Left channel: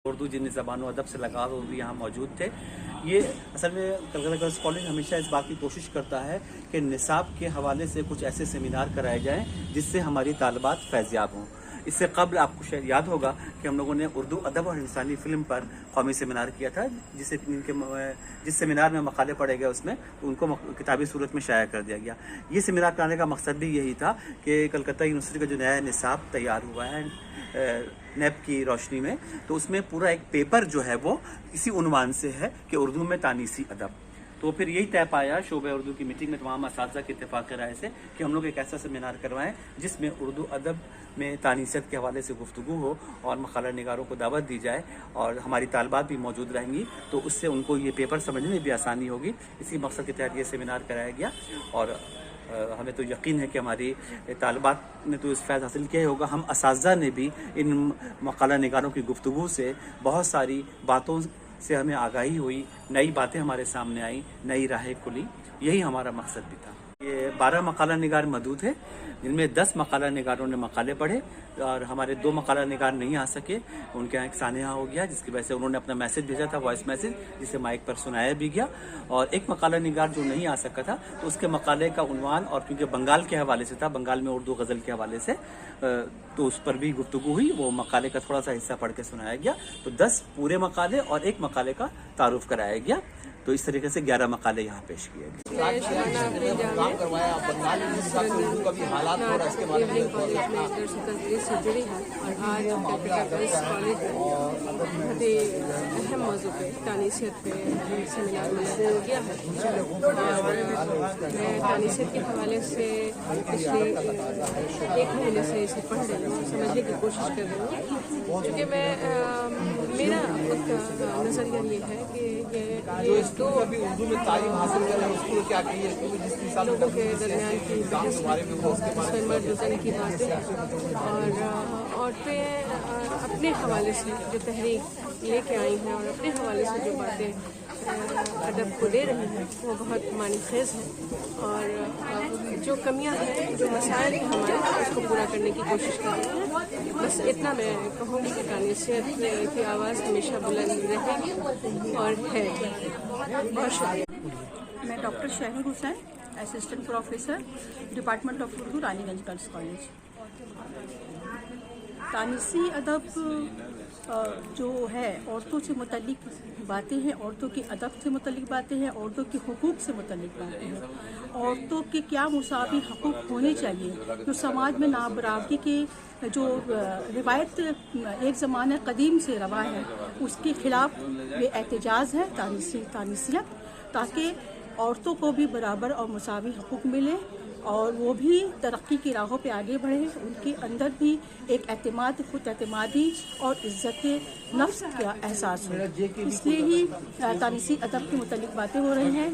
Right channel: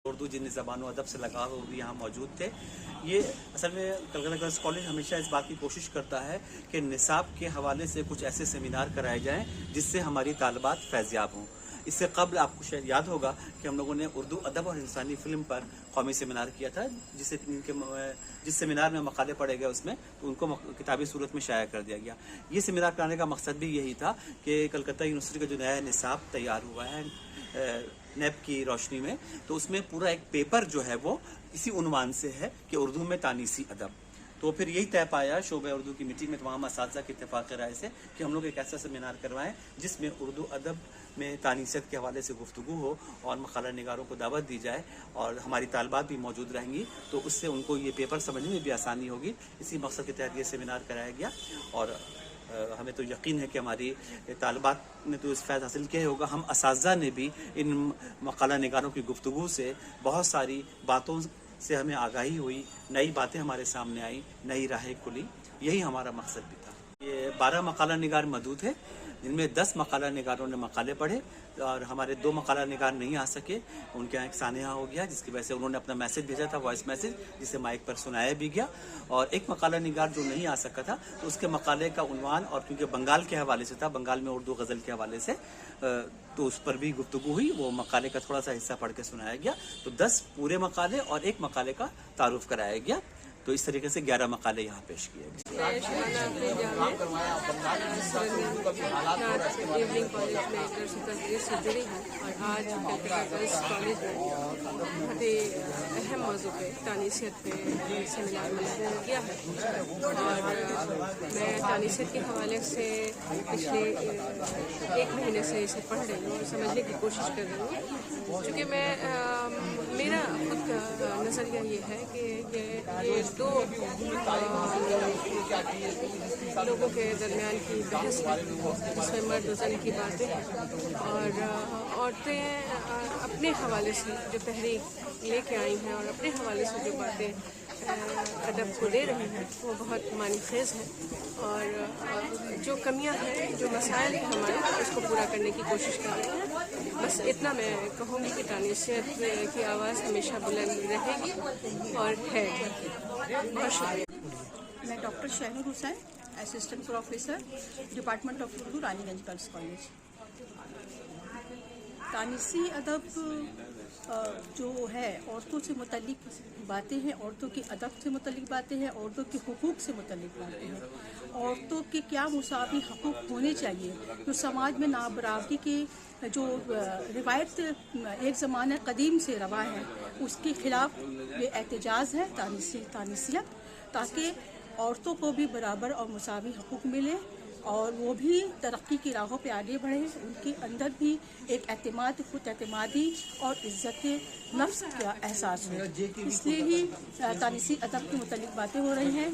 उर्दू जिन ज़बान अदब से लगाव वो भी यहाँ मौजूद थे। ये असल में कलकत्ता गर्ल्स कॉलेज हमेशा इस बात की कोशिश करता है कि निसाब के हवाले से कुछ ऐसे सेमिनार कराए जाएं जिससे हमारी तालिबात फैज़याब हों। इससे कबल आपको शायद याद होगा कि हम लोगों ने उर्दू अदब और इंसानी फ़िल्म पर कौमी सेमिनार किया था, जिस सेमिनार में मकाले पढ़े गए उसमें उनको किताबी सूरत में शाया कर दिया गया। ये सेमिनार कराने का मकसद भी यही था कि कलकत्ता यूनिवर्सिटी का जो नया निसाब तैयार हुआ है नेप की रोशनी में, तो उसमें पूरा एक पेपर जो है वो इसी उन्वान से है कि उर्दू में तानीसी अदब। तो फिर यही तय पाया शोबे उर्दू की मीटिंग में तमाम असातिज़ा की इत्तेफाक राय से कि हम लोग एक ऐसा सेमिनार करवाएं जिसमें उर्दू अदब में तानीसियत के हवाले से गुफ्तगू हो और मकाला निगारों को दावत दी जाए और हमारी तालिबात भी मौजूद रहेंगी, तो उससे उनको ये पेपर समझने में भी आसानी होगी। इसी मकसद के तहत ये सेमिनार कराया गया और हमें तो यकीन है कि हमारी तालिबात ने तो इस फ़ैज़ हासिल किया होगा। हम असातिज़ा ने भी इन मकाला निगारों की गुफ्तगू से बहुत सारी बातों से हमें आगाही हुई, नई बातें हमारे सामने आई, नई राहें खुली। यही हमारा मकसद भी था। ये 12 मकाला निगार मौजूद है, जिनमें 10 मकाला निगारों ने मकाले पढ़े और हमारे 2 मकाला निगार नहीं आ सके। उनके यहाँ एक सानेहा हो गया जिसकी वजह से उन्होंने अपना मैसेज भेजा था, वॉइस मैसेज, जिसे माइक पर सुनाया भी गया। और एक मकाला निगार जो नहीं आ सका था तो उसके मकाले का उन्वान, और क्योंकि बंगाल के हवाले से था, बंगाल में उर्दू गज़ल के हवाले से, तो उस पर भी गुफ्तगू हुई। वो मकाले का थोड़ा सा हिस्सा पढ़ के सुनाया गया। तो 10 पूरे मकाले और एक मकाले का तारुफ कराया गया। तो इस तरीके से 11 मकाले यहाँ पेश किए गए। इवनिंग कॉलेज में दर्स तदरीस से जुड़ी है और आज कलकत्ता गर्ल्स कॉलेज में बहुत ही अहम मौजू पे तानीसियत पे सेमिनार मनाया गया है। मैं तानीसियत के हवाले से पिछले 1 महीने से इसे पढ़ रही हूँ, समझने की कोशिश कर रही हूँ, क्योंकि मैं मेरा खुद का नज़रिया ये है कि ये तो लोगों के दरमियान की बहस है, मर्द वज़न की बातें और औरतें अपने हवाले से जो तहरीक लेके आई हैं और अपने हवाले से जो बातें अदब को दे रही हैं वो बहुत मानीखेज़ है। और जो कमियां हैं, जो मसाइल हैं हमारे, उसको पूरा करने की कोशिश कर रहे हैं। बस इतना मैं कहूँगी कि तानीसियत की आवाज़ हमेशा बुलंद रहेगी और है। बहुत शुक्रिया। मैं doctor Shahnoor Hussain, assistant professor, department of Urdu, Raniganj girls college. तानीसी अदब जो है औरतों से मुतल्लिक बातें हैं, औरतों के अदब से मुतल्लिक बातें हैं, औरतों के हुकूक से मुतल्लिक बातें हैं, औरतों के क्या मुसावी हकूक़ होने चाहिए, जो समाज में नाबराबरी के जो रिवायत एक ज़माने कदीम से रवा है उसके ख़िलाफ़ ये एहतजाज है तानीसियत, ताकि औरतों को भी बराबर और मुसावी हकूक़ मिले और वो भी तरक्की की राहों पे आगे बढ़े, उनके अंदर भी एक एतमाद, खुद एतमादी और इज़्ज़त नफ्स का एहसास हो। इसलिए ही तानीसी अदब के मुतल्लिक बातें हो रही हैं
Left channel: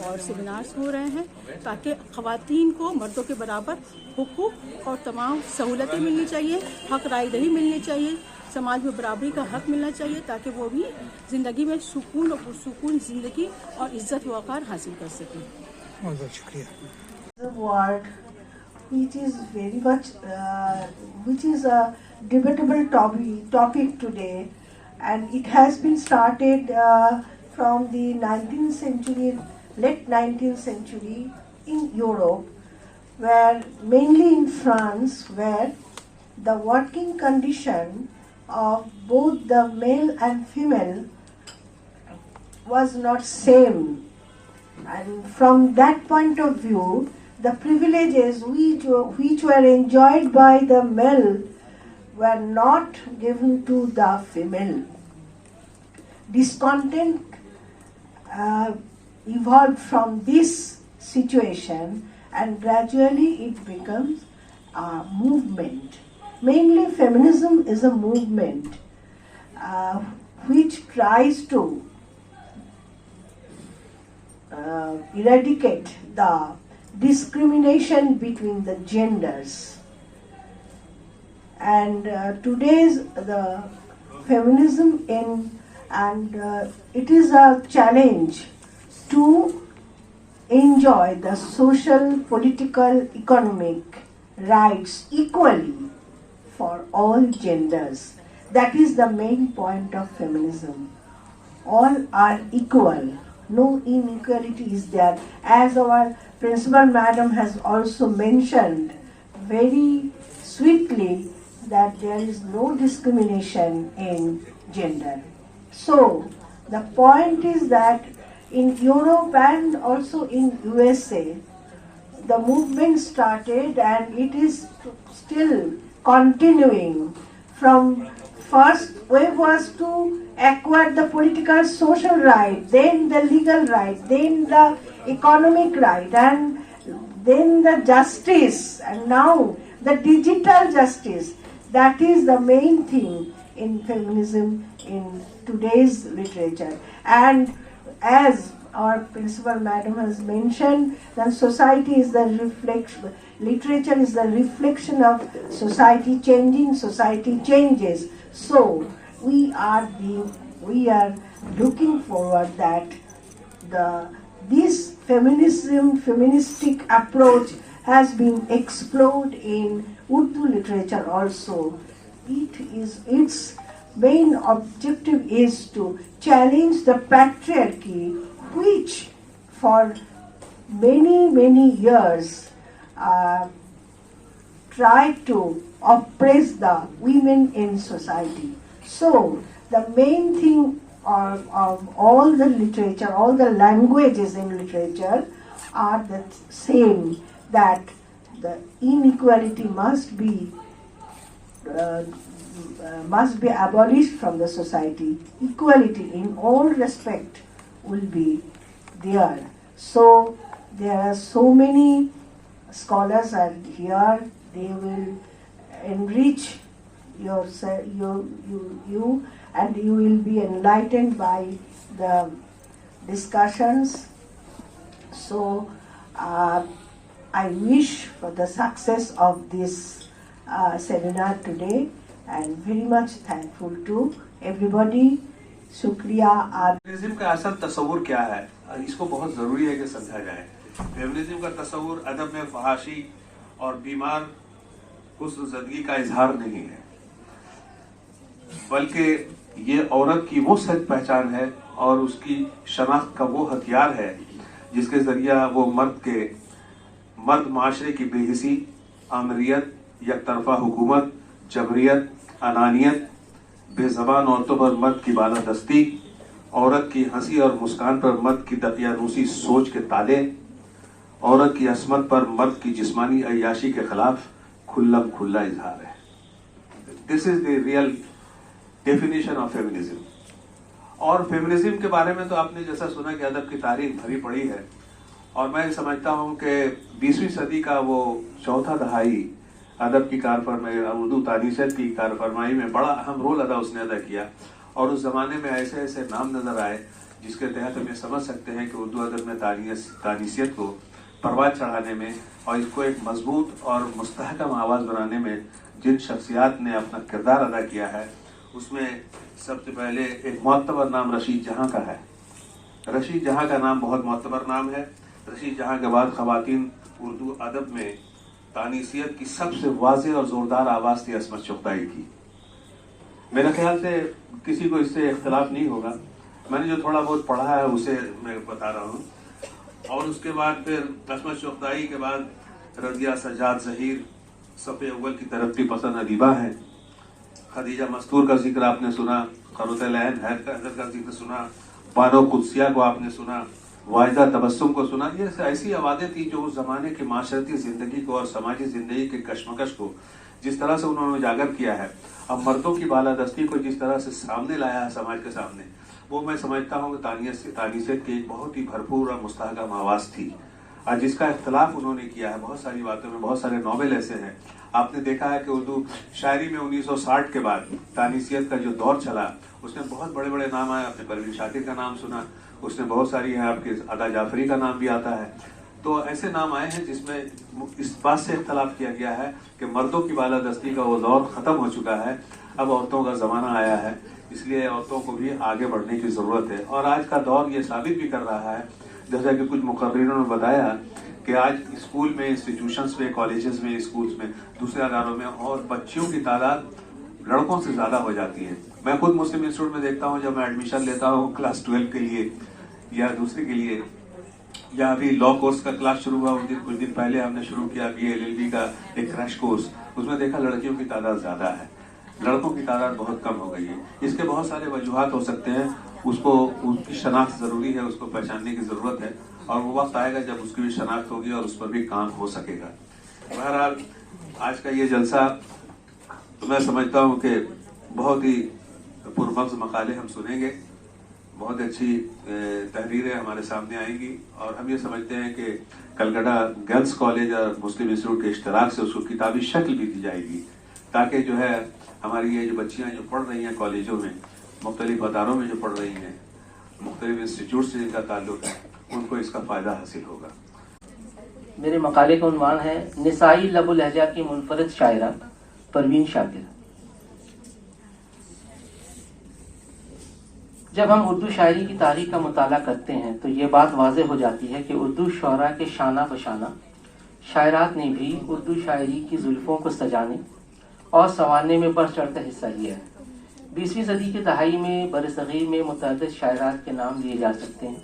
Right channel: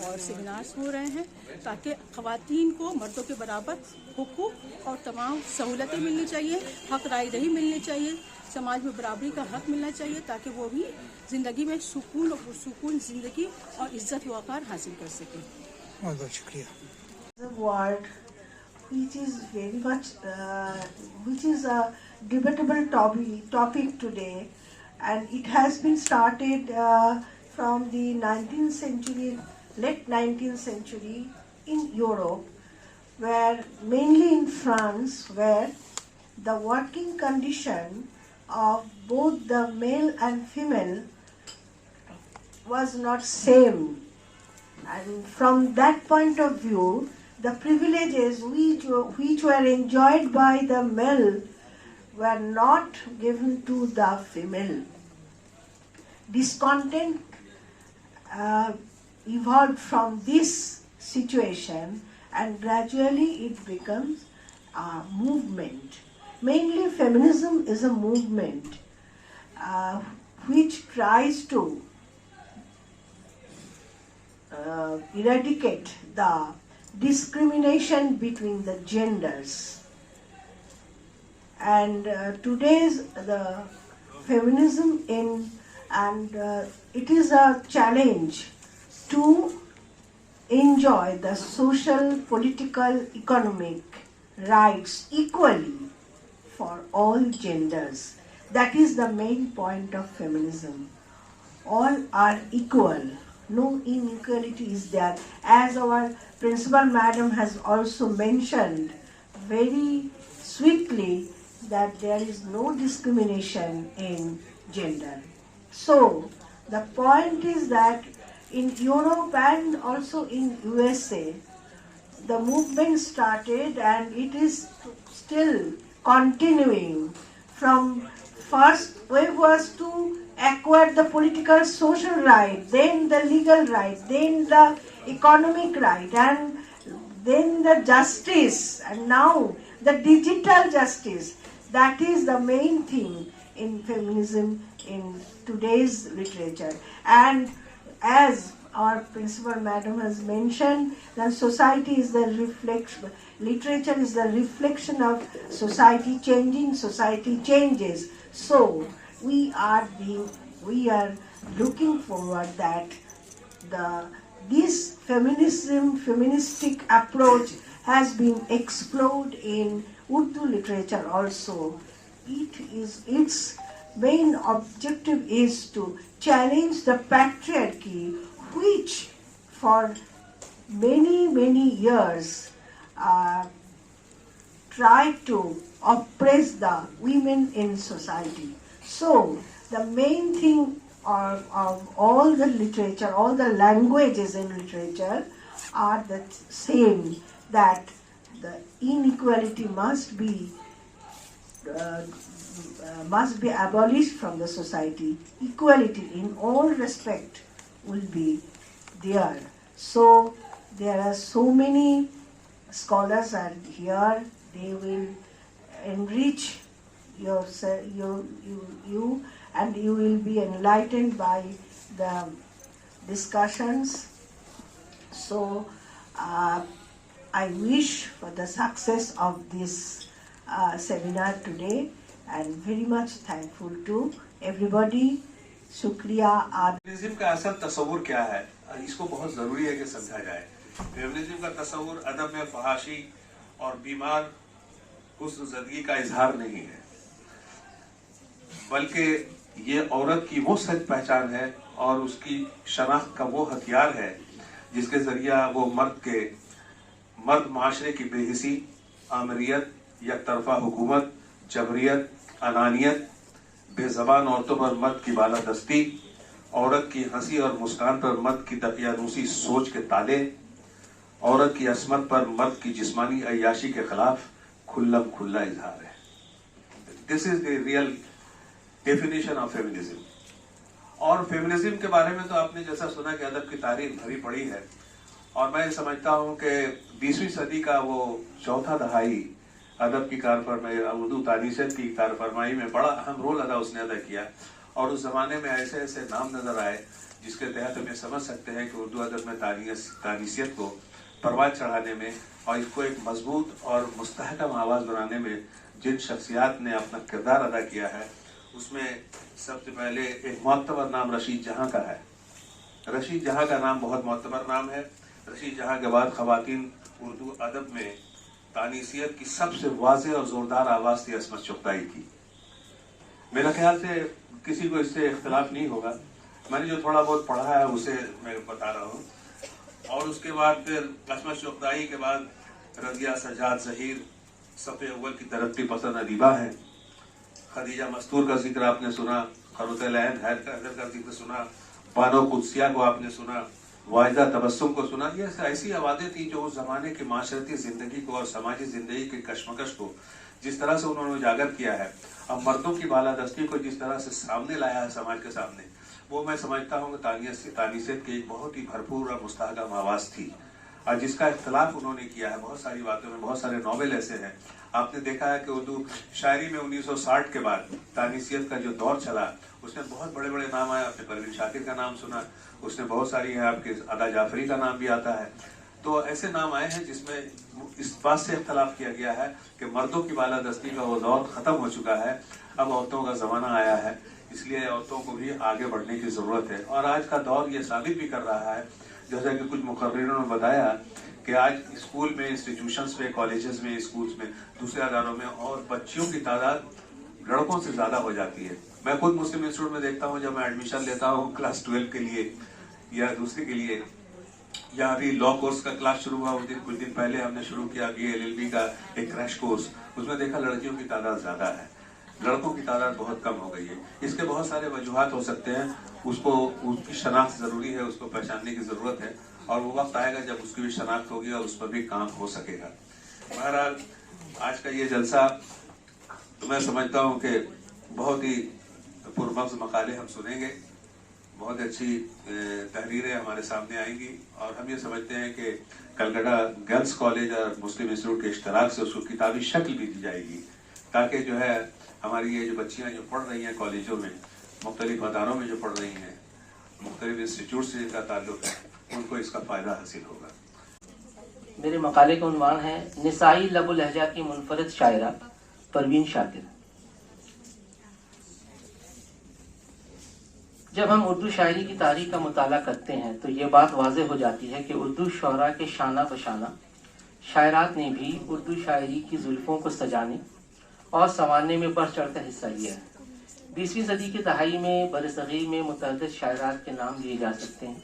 और सेमिनार्स हो रहे हैं, ताकि ख़वातीन को मर्दों के बराबर हुकूक और तमाम सहूलतें मिलनी चाहिए, हक रायदही मिलनी चाहिए, समाज में बराबरी का हक मिलना चाहिए, ताकि वो भी ज़िंदगी में सुकून और पुरसुकून ज़िंदगी और इज़्ज़त वक़ार हासिल कर सकें। बहुत बहुत शुक्रिया। The word, which is very much, which is a debatable topic today, and it has been started from the 19th century, late 19th century in Europe, where mainly in France, where the working condition of both the male and female was not same, and from that point of view, the privileges which were enjoyed by the male were not given to the female. Discontent evolved from this situation, and gradually it becomes a movement. Mainly feminism is a movement which tries to eradicate the discrimination between the genders, and today's the feminism it is a challenge to enjoy the social, political, economic rights equally for all genders. That is the main point of feminism. All are equal. No inequality is there. As our principal madam has also mentioned very sweetly, that there is no discrimination in gender. So the point is that in Europe and also in USA, the movement started and it is still continuing. From first wave was to acquire the political social right, then the legal right, then the economic right, and then the justice, and now the digital justice. That is the main thing in feminism in today's literature. And as our principal madam has mentioned, that society is the reflection, literature is the reflection of society changing, society changes. So we are looking forward that this feministic approach has been explored in Urdu literature also. Its main objective is to challenge the patriarchy, which for many years tried to oppress the women in society. So the main thing of all the literature, all the languages in literature are the same, that the inequality must be abolished from the society. Equality in all respect will be there. So there are so many scholars are here. They will enrich you, and you will be enlightened by the discussions. So I wish for the success of this seminar today, and very much thankful to everybody. शुक्रिया। Feminism का असल तस्वुर क्या है, इसको बहुत जरूरी है कि समझा जाए। फेमिनिज्म का तस्वुर अदब में फहाशी और बीमार हुस्न ज़िंदगी का इजहार नहीं है, बल्कि ये औरत की वो सच पहचान है और उसकी शनाख्त का वो हथियार है जिसके जरिया वो मर्द माशरे की बेहिसी, आमरियत, यकतरफा हुकूमत, जबरियत, अनानियत, बेजबान औरतों पर मर्द की बालादस्ती, औरत की हंसी और मुस्कान पर मर्द की तकियानूसी सोच के ताले, औरत की असमत पर मर्द की जिस्मानी अय्याशी के खिलाफ खुल्लम खुल्ला इजहार है। This is the real definition of feminism. और फेमिनिज्म के बारे में तो आपने जैसा सुना कि अदब की तारीख भरी पड़ी है, और मैं समझता हूं कि 20वीं सदी का वो चौथा दहाई अदब की कारफरमाई, उर्दू तारीखत की कारफरमाई में बड़ा अहम रोल उसने अदा किया। और उस जमाने में ऐसे ऐसे नाम नजर आए जिसके तहत हम ये समझ सकते हैं कि उर्दू अदब में तानीसियत को परवाज चढ़ाने में और इसको एक मजबूत और मुस्तहकम आवाज बनाने में जिन शख्सियात ने अपना किरदार अदा किया है, उसमें सबसे पहले एक मोतबर नाम रशीद जहां का है। रशीद जहां का नाम बहुत मोतबर नाम है। रशीद जहां के बाद खवातीन उर्दू अदब में तानीसियत की सबसे वाज़ेह और जोरदार आवाज थी असमत चुगताई की। मेरे ख्याल से किसी को इससे इख्तिलाफ नहीं होगा। मैंने जो थोड़ा बहुत पढ़ा है उसे मैं बता रहा हूँ। और उसके बाद फिर असमत चुगताई के बाद रजिया, सजाद, जहीर, सफ़े अव्वल की तरक्की पसंद अदीबा है। खदीजा मस्तूर का जिक्र आपने सुना, खरुतल ऐन हैदर का जिक्र सुना, बानो कुदसिया को आपने सुना, वाहिदा तबस्सुम को सुना। ये ऐसी आवाज़ें थी जो उस जमाने की माशरती जिंदगी को और समाजी जिंदगी के कश्मकश को जिस तरह से उन्होंने उजागर किया है, अब मर्दों की बालादस्ती को जिस तरह से सामने लाया है समाज के सामने, वो मैं समझता हूँ कि तानीसियत की एक बहुत ही भरपूर और मुस्तहकम आवाज थी, और जिसका इख्तिलाफ उन्होंने किया है बहुत सारी बातों में। बहुत सारे नॉवेल ऐसे हैं, आपने देखा है कि उर्दू शायरी में 1960 के बाद तानीसियत का जो दौर चला, उसमें बहुत बड़े बड़े नाम आए। आपने परवीन शाकिर का नाम सुना, उसने बहुत सारी है, आपके अदा जाफरी का नाम भी आता है। तो ऐसे नाम आए हैं जिसमें इस बात से इख्तलाफ किया गया है कि मर्दों की बालादस्ती का वो दौर खत्म हो चुका है, अब औरतों का जमाना आया है, इसलिए औरतों को भी आगे बढ़ने की जरूरत है। और आज का दौर ये साबित भी कर रहा है, जैसा कि कुछ मुखबिरों ने बताया कि आज स्कूल में, इंस्टीट्यूशंस में, कॉलेजेस में, स्कूल्स में, दूसरे अदारों में और बच्चियों की तादाद लड़कों से ज्यादा हो जाती है। मैं खुद मुस्लिम इंस्टीट्यूट में देखता हूँ, जब मैं एडमिशन लेता हूँ क्लास 12 के लिए या दूसरे के लिए, या अभी लॉ कोर्स का क्लास शुरू हुआ, कुछ दिन पहले हमने शुरू किया BA LLB का एक क्रैश कोर्स, उसमें देखा लड़कियों की तादाद ज्यादा है, लड़कों की तादाद बहुत कम हो गई है। इसके बहुत सारे वजूहात हो सकते हैं, उसको उसकी शनाख्त जरूरी है, उसको पहचानने की जरूरत है, और वो वक्त आएगा जब उसकी भी शनाख्त होगी और उस पर भी काम हो सकेगा। बहरहाल आज का ये जलसा मैं समझता हूँ कि बहुत ही पुरमग्ज़ मकाले हम सुनेंगे, बहुत अच्छी तहरीरें हमारे सामने आएंगी, और हम ये समझते हैं कि कलकत्ता गर्ल्स कॉलेज और मुस्लिम इंस्टीट्यूट के इश्तराक से उसको किताबी शक्ल भी दी जाएगी, ताकि जो है हमारी ये जो बच्चियां जो पढ़ रही हैं कॉलेजों में, मुख्तलिफ अदारों में जो पढ़ रही हैं, मुख्तलिफ इंस्टीट्यूट से जिनका ताल्लुक है, उनको इसका फायदा हासिल होगा। मेरे मकाले का उन्वान है निसाई लबु लहजा की मुनफरद शायरा परवीन शाकिर। जब हम उर्दू शायरी की तारीख का मुताला करते हैं तो ये बात वाज़ेह हो जाती है कि उर्दू शौरा के शाना बशाना शायरात ने भी उर्दू शायरी की जुल्फों को सजाने और संवारने में बढ़ चढ़कर हिस्सा लिया है। 20वीं सदी की दहाई में बरसगीर में मुतअद्दिद शायरात के नाम लिए जा सकते हैं,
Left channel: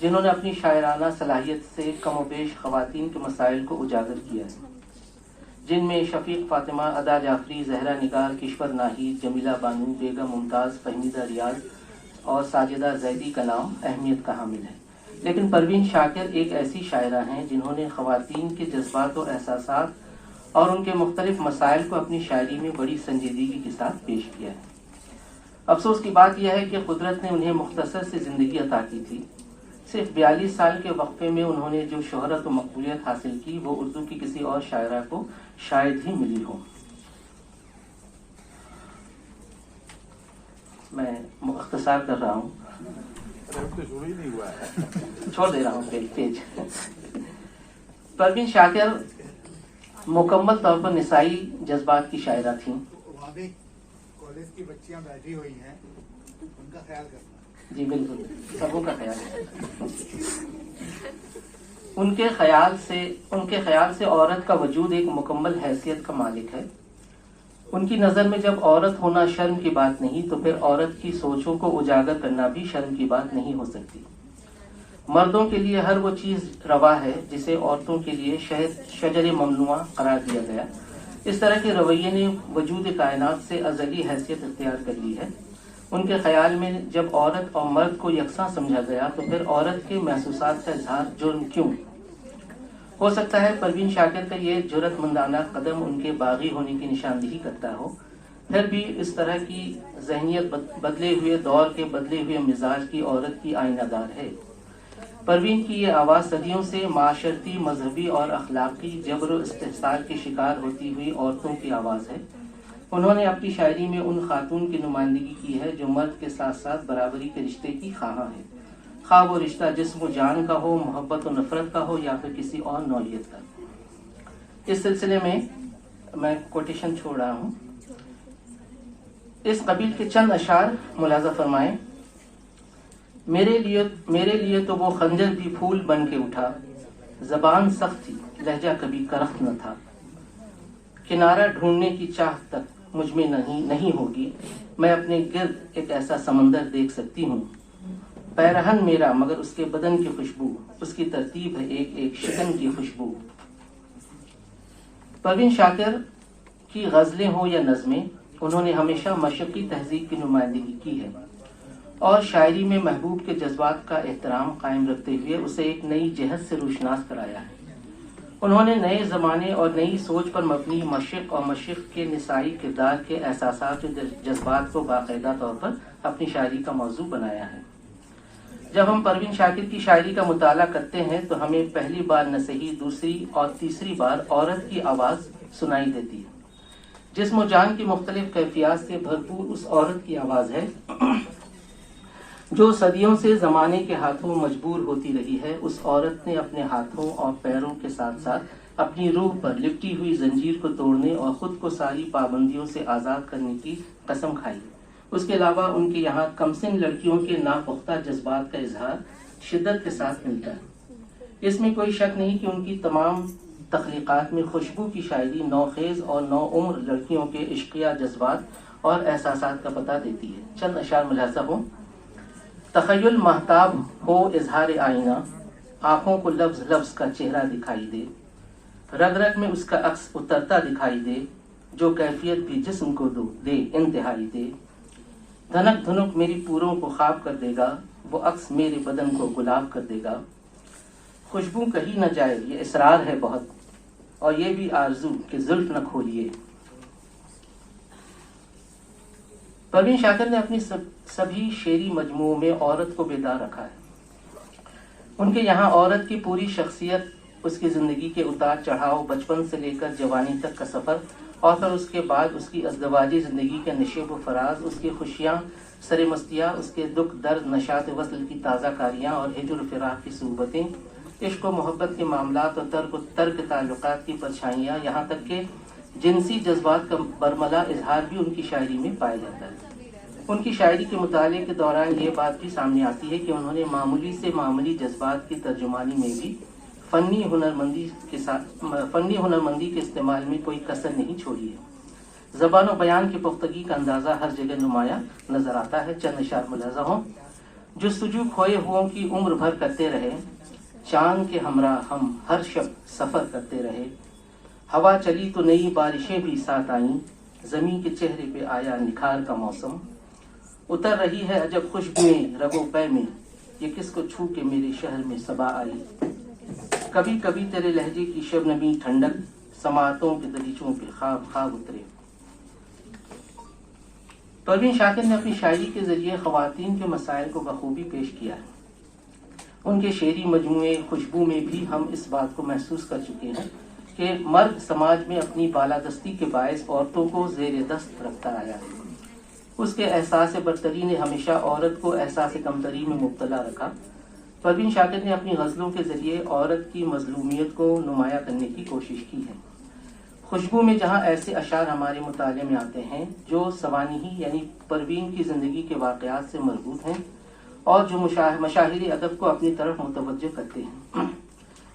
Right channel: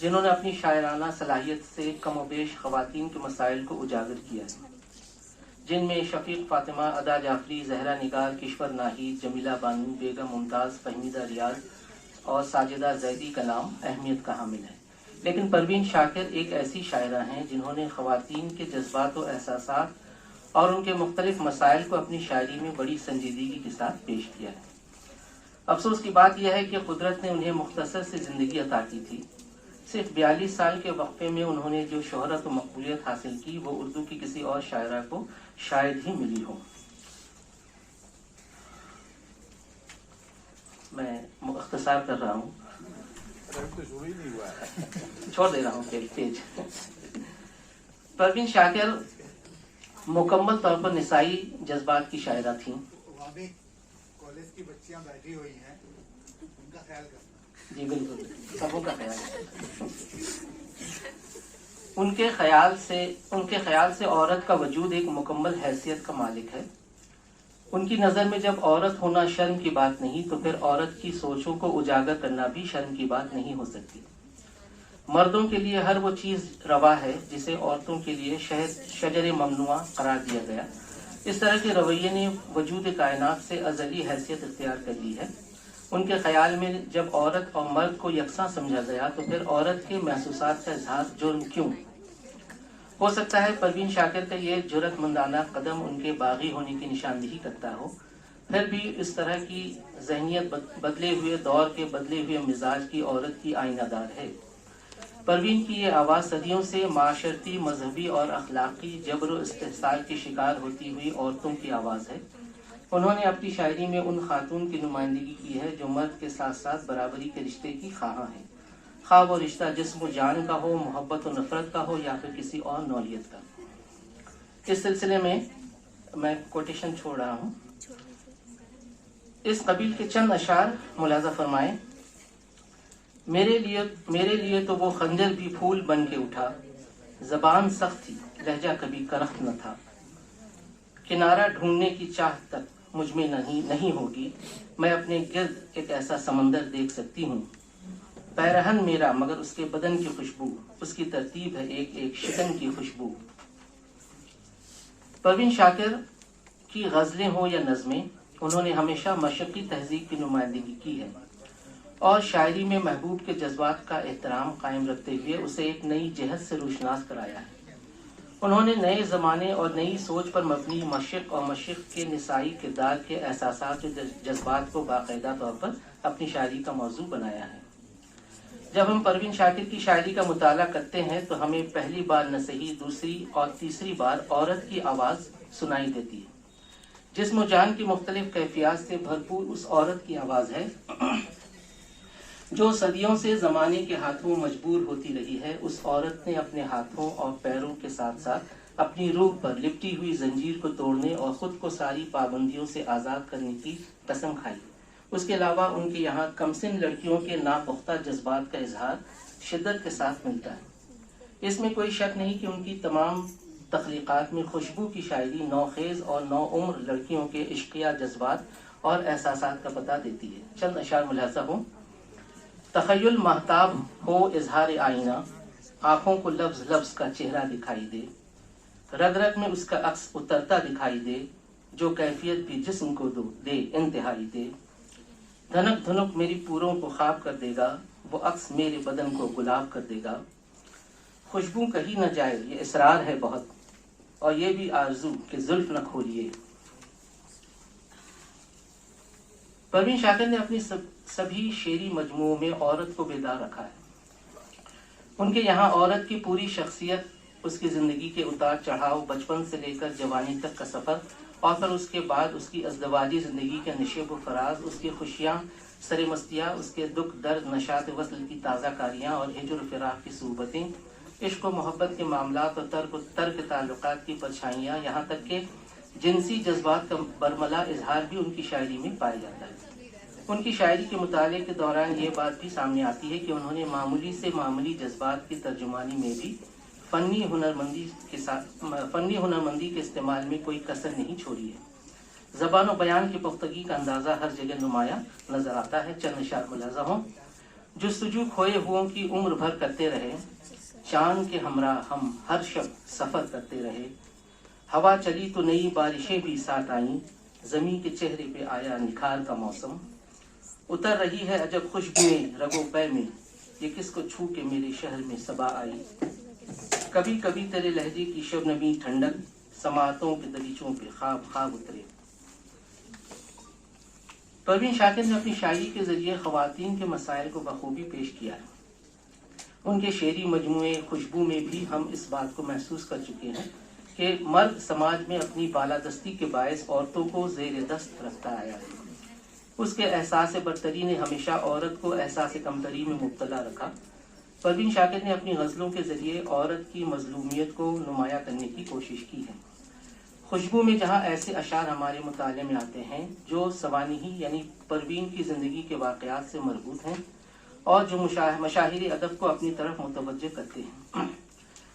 जिन्होंने अपनी शायराना सलाहियत से कम व बेश ख़वातीन के मसाइल को उजागर किया है, जिनमें शफीक फातिमा, अदा जाफरी, जहरा निगार, किश्वर नाहिद, जमीला बानू, बेगम मुमताज़, फहमीदा रियाज और साजिदा जैदी का नाम अहमियत का हामिल है। लेकिन परवीन शाकिर एक ऐसी शायरा हैं जिन्होंने ख़वातीन के जज्बात और एहसासात और उनके मुख्तलिफ मसाइल को अपनी शायरी में बड़ी संजीदगी के साथ पेश किया है। अफसोस की बात यह है कि कुदरत ने उन्हें मुख्तसर से ज़िंदगी अता की थी। सिर्फ 42 साल के वक्फे में उन्होंने जो शोहरत और मकबूलियत हासिल की, वो उर्दू की किसी और शायरा को शायद ही मिली हो। मैं मुख्तसार कर रहा हूँ, शुरू ही नहीं हुआ है, छोड़ दे रहा हूँ पेज। परवीन शाकिर मुकम्मल तौर पर निसाई जज्बात की शायरा थीं। वहाँ भी कॉलेज की बच्चियाँ बैठी हुई हैं, उनका ख्याल करना। जी बिल्कुल, सबों का ख्याल। उनके ख्याल से औरत का वजूद एक मुकम्मल हैसियत का मालिक है। उनकी नज़र में जब औरत होना शर्म की बात नहीं, तो फिर औरत की सोचों को उजागर करना भी शर्म की बात नहीं हो सकती। मर्दों के लिए हर वो चीज़ रवा है जिसे औरतों के लिए शजर ममनुआ करार दिया गया। इस तरह के रवैये ने वजूद कायनात से अज़ली हैसियत इख्तियार कर ली है। उनके ख्याल में जब औरत और मर्द को यकसा समझा गया, तो फिर औरत के महसूसात का इजहार जुर्म क्यों? हो सकता है परवीन शाकिर का ये जुर्रतमंदाना कदम उनके बागी होने की निशानदेही करता हो। फिर भी इस तरह की जहनियत बदले हुए दौर के बदले हुए मिजाज की औरत की आईनादार है। परवीन की ये आवाज़ सदियों से माशरती, मजहबी और अखलाकी जबर व इस्तिहसार के शिकार होती हुई औरतों की आवाज़ है। उन्होंने अपनी शायरी में उन खातून की नुमाइंदगी की है जो मर्द के साथ साथ बराबरी के रिश्ते की ख्वाहां है, खा वो रिश्ता जिस्म जान का हो, मोहब्बत और नफरत का हो, या फिर किसी और नौइयत का। इस सिलसिले में मैं कोटेशन छोड़ रहा हूँ। इस कबील के चंद अशार मुलाजा फरमाएं। मेरे लिए तो वो खंजर भी फूल बन के उठा, जबान सख्त थी, लहजा कभी करख्त न था। किनारा ढूंढने की चाह तक मुझ में नहीं होगी, मैं अपने गिर्द एक ऐसा समंदर देख सकती हूँ। पैरहन मेरा मगर उसके बदन की खुशबू, उसकी तरतीब है एक एक शिकन की खुशबू। परवीन शाकिर की गज़लें हो या नज़में, उन्होंने हमेशा मशक़ी तहज़ीब की नुमाइंदगी की है और शायरी में महबूब के जज्बात का एहतराम कायम रखते हुए उसे एक नई जहत से रोशनास कराया है। उन्होंने नए ज़माने और नई सोच पर मबनी मशक़ और मशक़ के निसाई किरदार के एहसासात और जज्बात को बाकायदा तौर पर अपनी शायरी का मौजू बनाया है। जब हम परवीन शाकिर की शायरी का मुताला करते हैं तो हमें पहली बार न सही दूसरी और तीसरी बार औरत की आवाज़ सुनाई देती है। जिस्म जान की मुख्तलिफ कैफियत से भरपूर उस औरत की आवाज़ है जो सदियों से ज़माने के हाथों मजबूर होती रही है। उस औरत ने अपने हाथों और पैरों के साथ साथ अपनी रूह पर लिपटी हुई जंजीर को तोड़ने और ख़ुद को सारी पाबंदियों से आज़ाद करने की कसम खाई। उसके अलावा उनके यहाँ कमसिन लड़कियों के नापुख्ता जज्बात का इजहार शिद्दत के साथ मिलता है। इसमें कोई शक नहीं कि उनकी तख्लीक़ात में खुशबू की शायरी नौखेज़ और नौउम्र लड़कियों के इश्किया जज्बात और एहसासात का पता देती है। चंद अशार मुलाज़ा हो। तख़य्युल महताब हो इजहार आईना, आँखों को लफ्ज़ लफ्ज़ का चेहरा दिखाई दे, रग रग में उसका अक्स उतरता दिखाई दे, जो कैफियत भी जिस्म को दे इंतहाई दे। धनक धुनक मेरी पूरों को ख्वाब कर देगा, वो अक्स मेरे बदन को गुलाब कर देगा। खुशबू कही न जाए ये इसरार है बहुत, और ये भी आरजू कि जुल्फ न खोलिए। परवीन शाकिर ने अपनी सभी शेरी मजमुओं में औरत को बेदार रखा है। उनके यहाँ औरत की पूरी शख्सियत, उसकी जिंदगी के उतार चढ़ाव, बचपन से लेकर जवानी तक का सफर, और फिर उसके बाद उसकी अज़दवाजी जिंदगी के नशेब व फराज, उसकी खुशियाँ सरे मस्तियाँ, उसके दुख दर्द, नशात वसल की ताज़ा कारियाँ और हिजुर फिराक की सूबतें, इश्क व मोहब्बत के मामलात और तर्क ताल्लुकात की परछाइयाँ, यहाँ तक के जिनसी जज्बात का बरमला इजहार भी उनकी शायरी में पाया जाता है। उनकी शायरी के मुताले के दौरान ये बात भी सामने आती है कि उन्होंने मामूली से मामूली जज्बात की तर्जुमानी में भी फनी हुनरमंदी के इस्तेमाल में कोई कसर नहीं छोड़ी है। ज़बान और बयान की पुख्तगी का अंदाज़ा हर जगह नुमाया नजर आता है। चंद इशार मुलाज़ा हों। जुस्तजू खोए हुओं की उम्र भर करते रहे, चांद के हमरा हम हर शब सफर करते रहे। हवा चली तो नई बारिशें भी साथ आईं, जमीन के चेहरे पे आया निखार का मौसम। उतर रही है अजब खुशबुएं रगो पै में, ये किसको छू के मेरे शहर में सबा आई। कभी कभी तेरे लहजे की शबनमी ठंडक, समातों के दरीचों पे ख्वाब ख्वाब उतरे। परवीन शाकिर ने अपनी शायरी के जरिए ख्वातीन के मसाइल को बखूबी पेश किया है। उनके शेरी मजमूए खुशबू में भी हम इस बात को महसूस कर चुके हैं कि मर्द समाज में अपनी बालादस्ती के बायस औरतों को जेर दस्त रखता आया है। उसके एहसास बरतरी ने हमेशा औरत को एहसास कमतरी में मुब्तला रखा। परवीन शाकिर ने अपनी गज़लों के जरिए औरत की मजलूमियत को नुमाया करने की कोशिश की है। खुशबू में जहाँ ऐसे अशार हमारे मुताले में आते हैं जो सवानिही यानी परवीन की जिंदगी के वाक़यात से मरबूत हैं और जो मशाहिरी अदब को अपनी तरफ मुतवज्जह करते हैं,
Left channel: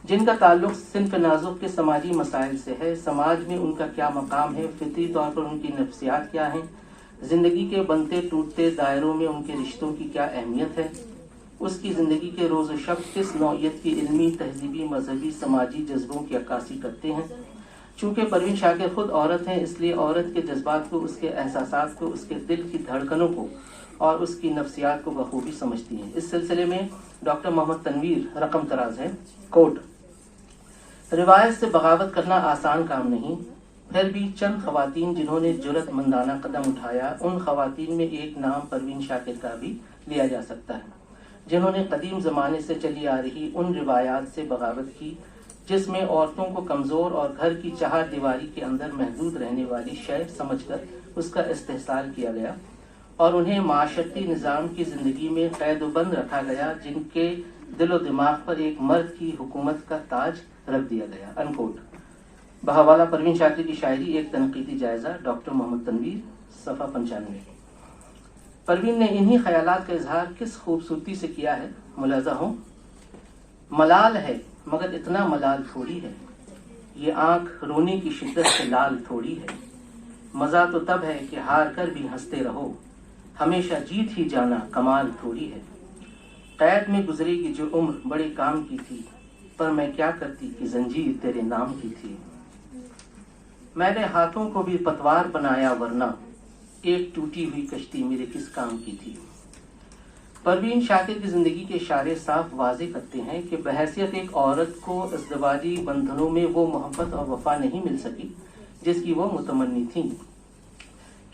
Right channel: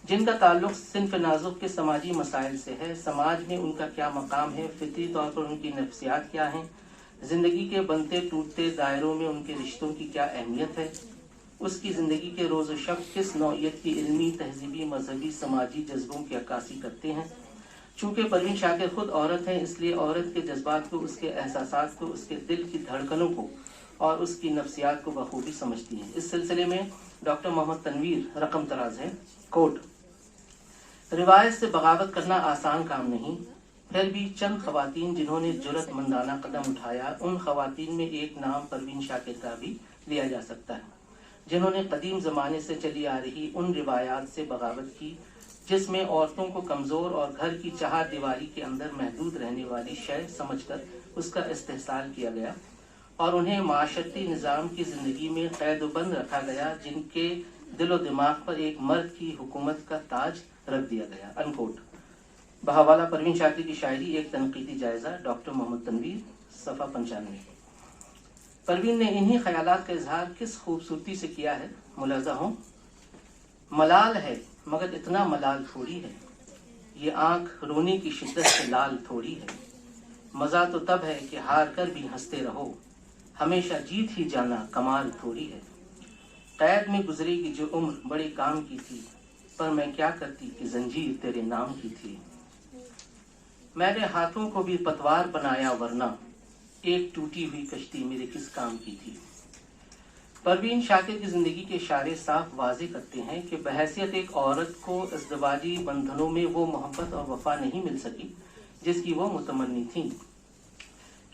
जिनका ताल्लुक सिन्फ नाजुक के समाजी मसाइल से है। समाज में उनका क्या मकाम है, फितरी तौर पर उनकी नफ्सियात क्या हैं, जिंदगी के बनते टूटते दायरों में उनके रिश्तों की क्या अहमियत है, उसकी जिंदगी के रोज़ शब किस नौइयत की इल्मी, तहजीबी, मजहबी, समाजी जज्बों की अक्कासी करते हैं। चूँकि परवीन शाकिर खुद औरत हैं, इसलिए औरत के जज्बात को, उसके एहसासात को, उसके दिल की धड़कनों को और उसकी नफ्सियात को बखूबी समझती हैं। इस सिलसिले में डॉक्टर मोहम्मद तनवीर रकम तराज है। कोट, रिवायत से बगावत करना आसान काम नहीं, फिर भी चंद खवातीन जिन्होंने जुर्रतमंदाना कदम उठाया, उन खवातीन में एक नाम परवीन शाकिर का भी लिया जा सकता है, जिन्होंने कदीम ज़माने से चली आ रही उन रिवायात से बगावत की जिसमें औरतों को कमज़ोर और घर की चार दीवारी के अंदर महदूद रहने वाली शय समझकर उसका इस्तेहसाल किया गया और उन्हें माशरती निज़ाम की ज़िंदगी में कैदबंद रखा गया, जिनके दिलो दिमाग पर एक मर्द की हुकूमत का ताज रख दिया गया। अनकोट। बहवाला परवीन शाकिर की शायरी एक तनकीदी जायजा, डॉक्टर मोहम्मद तनवीर, सफ़ा 95। परवीन ने इन्हीं ख्यालात का इजहार किस खूबसूरती से किया है, मुलाजा हो। मलाल है मगर इतना मलाल थोड़ी है, ये आंख रोने की शिद्दत से लाल थोड़ी है। मजा तो तब है कि हार कर भी हंसते रहो, हमेशा जीत ही जाना कमाल थोड़ी है। कैद में गुजरेगी जो उम्र बड़े काम की थी, पर मैं क्या करती कि जंजीर तेरे नाम की थी। मैंने हाथों को भी पतवार बनाया वरना एक टूटी हुई कश्ती मेरे किस काम की थी। परवीन शाकिर की जिंदगी के इशारे साफ वाजे करते हैं कि बहैसियत एक औरत को अज़दवाजी बंधनों में वो मोहब्बत और वफा नहीं मिल सकी जिसकी वो मुतमन्नी थी,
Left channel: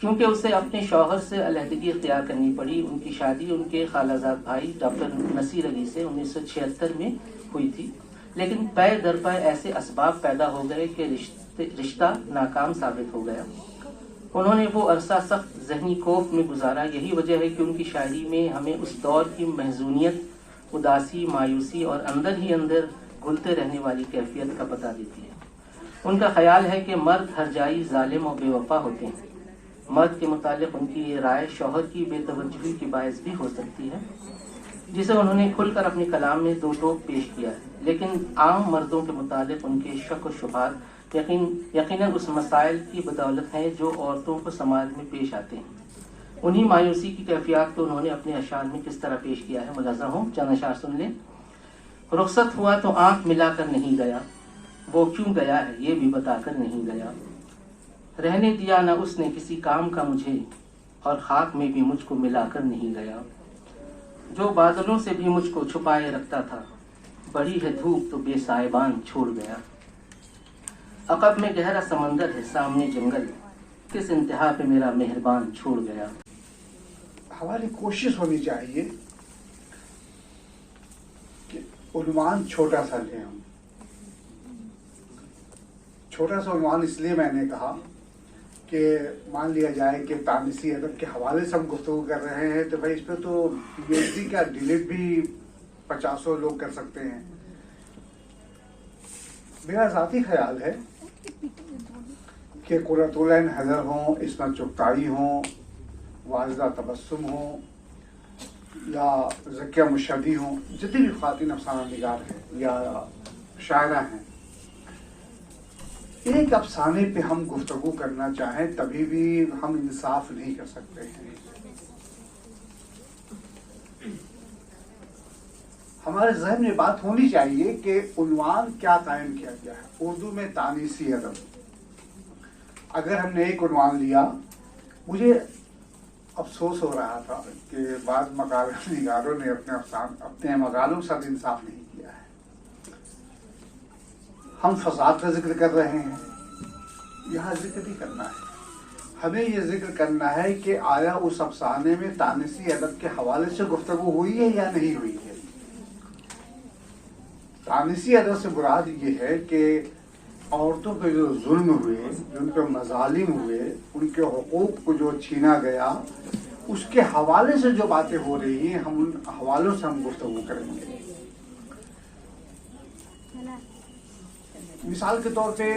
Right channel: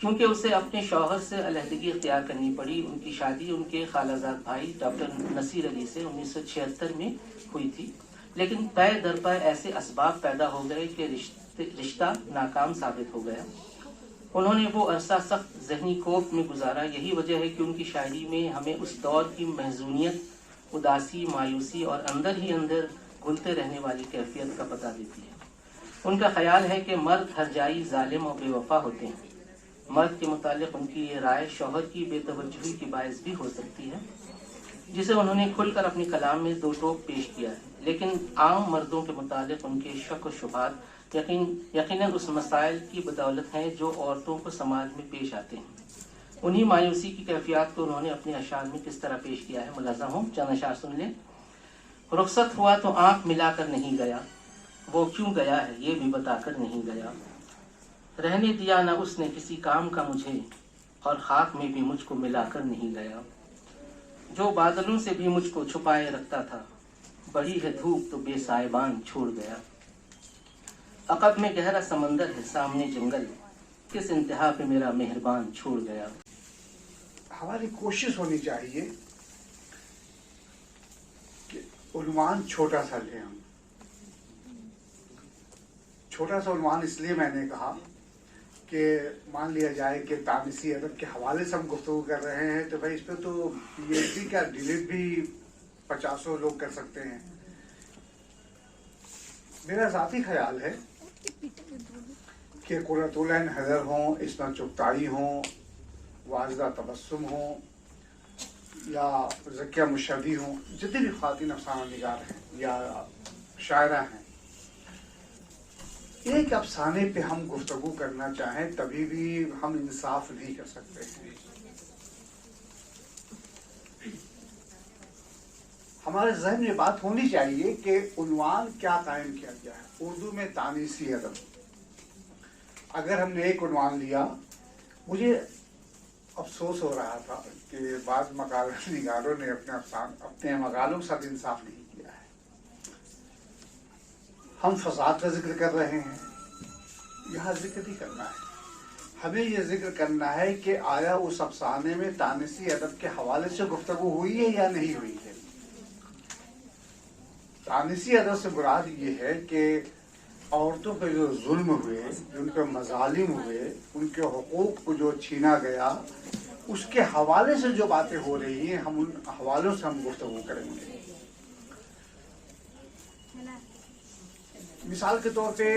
क्योंकि उसे अपने शौहर से अलहदगी इख्तियार करनी पड़ी। उनकी शादी उनके खालाजाद भाई डॉक्टर नसीर अली से 1976 में हुई थी, लेकिन पै दर पै ऐसे असबाब पैदा हो गए कि रिश्ता नाकाम साबित हो गया। उन्होंने वो अरसा सख्त जहनी कोफ में गुजारा। यही वजह है कि उनकी शायरी में हमें उस दौर की महजूनियत, उदासी, मायूसी और अंदर ही अंदर घुलते रहने वाली कैफियत का पता देती है। उनका ख्याल है कि मर्द हरजाई, जालिम और बेवफा होते हैं। मर्द के मुतालिक उनकी ये राय शौहर की बेतवज्जुही की बायस भी हो सकती है। जिसे उन्होंने खुलकर अपने कलाम में दो टोक पेश किया है, लेकिन आम मर्दों के मुतालिक उनके शक व शुबहात यकीनन उस मसाइल की बदौलत हैं जो औरतों को समाज में पेश आते हैं। उन्हीं मायूसी की कैफियत को उन्होंने अपने अशार में किस तरह पेश किया है, मुलाज़ा हो, चंद अशार सुन लें। रुखसत हुआ तो आंख मिलाकर नहीं गया, वो क्यों गया है ये भी बताकर नहीं गया। रहने दिया न उसने किसी काम का मुझे, और खाक में भी मुझको मिलाकर नहीं गया। जो बादलों से भी मुझको छुपाए रखता था, बड़ी है धूप तो बेसाइबान छोड़ गया। अकब में गहरा समंदर है, सामने जंगल, किस इंतहा पे मेरा मेहरबान छोड़ गया। हमारी कोशिश होनी चाहिए कि उन्वान छोटा सा लें हम। छोटा सा उन्वान इसलिए मैंने कहा कि मान लिया जाए कि तानिसी अदब के हवाले से हम गुफ्तगू कर रहे हैं, तो भाई इस पर तो पीएचडी का डिलीट भी 50 लोग कर सकते हैं। मेरा ज़ाती ख्याल है कि कुर्रतुल-ऐन हैदर हों, इस्मत चुगताई हों, वाजिदा तबस्सुम हो या ज़किया मुशहदी हो, जितनी भी ख़वातीन अफ़साना निगार हैं या शायरा हैं, एक अफसाने पे हम गुफ्तगू करना चाहें तभी भी हम इंसाफ नहीं कर सकते हैं। हमारे ज़हन में बात होनी चाहिए कि उन्वान क्या कायम किया गया है। उर्दू में तानीसी अदब, अगर हमने एक उन्वान लिया, मुझे अफसोस हो रहा था कि बाद मकालत निगारों ने अपने मकालों के साथ इंसाफ नहीं किया है। हम फसाद का जिक्र कर रहे हैं, यहाँ जिक्र नहीं करना है। हमें यह जिक्र करना है कि आया उस अफसाने में तानिसी अदब के हवाले से गुफ्तगू हुई है या नहीं हुई है। तानिसी अदब से मुराद ये है कि औरतों पे जो जुल्म हुए, उनके मजालिम हुए, उनके हुकूक को जो छीना गया, उसके हवाले से जो बातें हो रही हैं, हम उन हवालों से हम गुफ्तगू करेंगे। मिसाल के तौर पे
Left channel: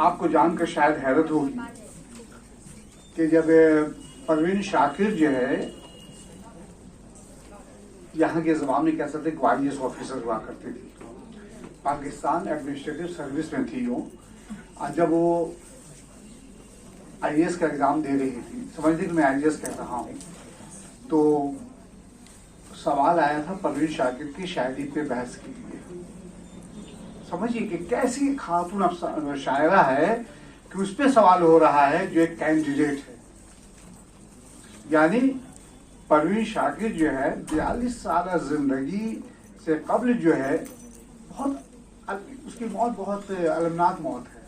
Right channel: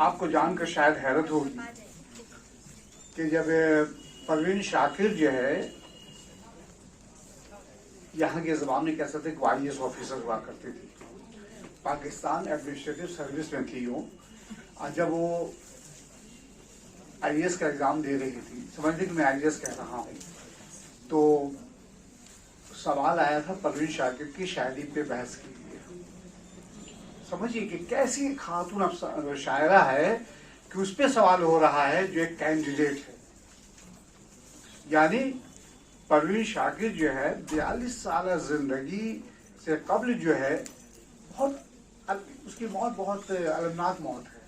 आपको जानकर शायद हैरत होगी कि जब परवीन शाकिर जो है, यहाँ के ज़माने में कैसे थे कि IAS ऑफिसर हुआ करते थे, पाकिस्तान एडमिनिस्ट्रेटिव सर्विस में थी वो, और जब वो IAS का एग्ज़ाम दे रही थी, समझ कि मैं IAS कह रहा हूँ, तो सवाल आया था परवीन शाकिर की शायरी पे बहस के लिए। समझिए कि कैसी खातून शायरा है कि उस पर सवाल हो रहा है जो एक कैंडिडेट है। यानी परवीन शाकिर जो है 42 साल जिंदगी से कबल जो है, बहुत उसकी मौत बहुत अलमनाक मौत है।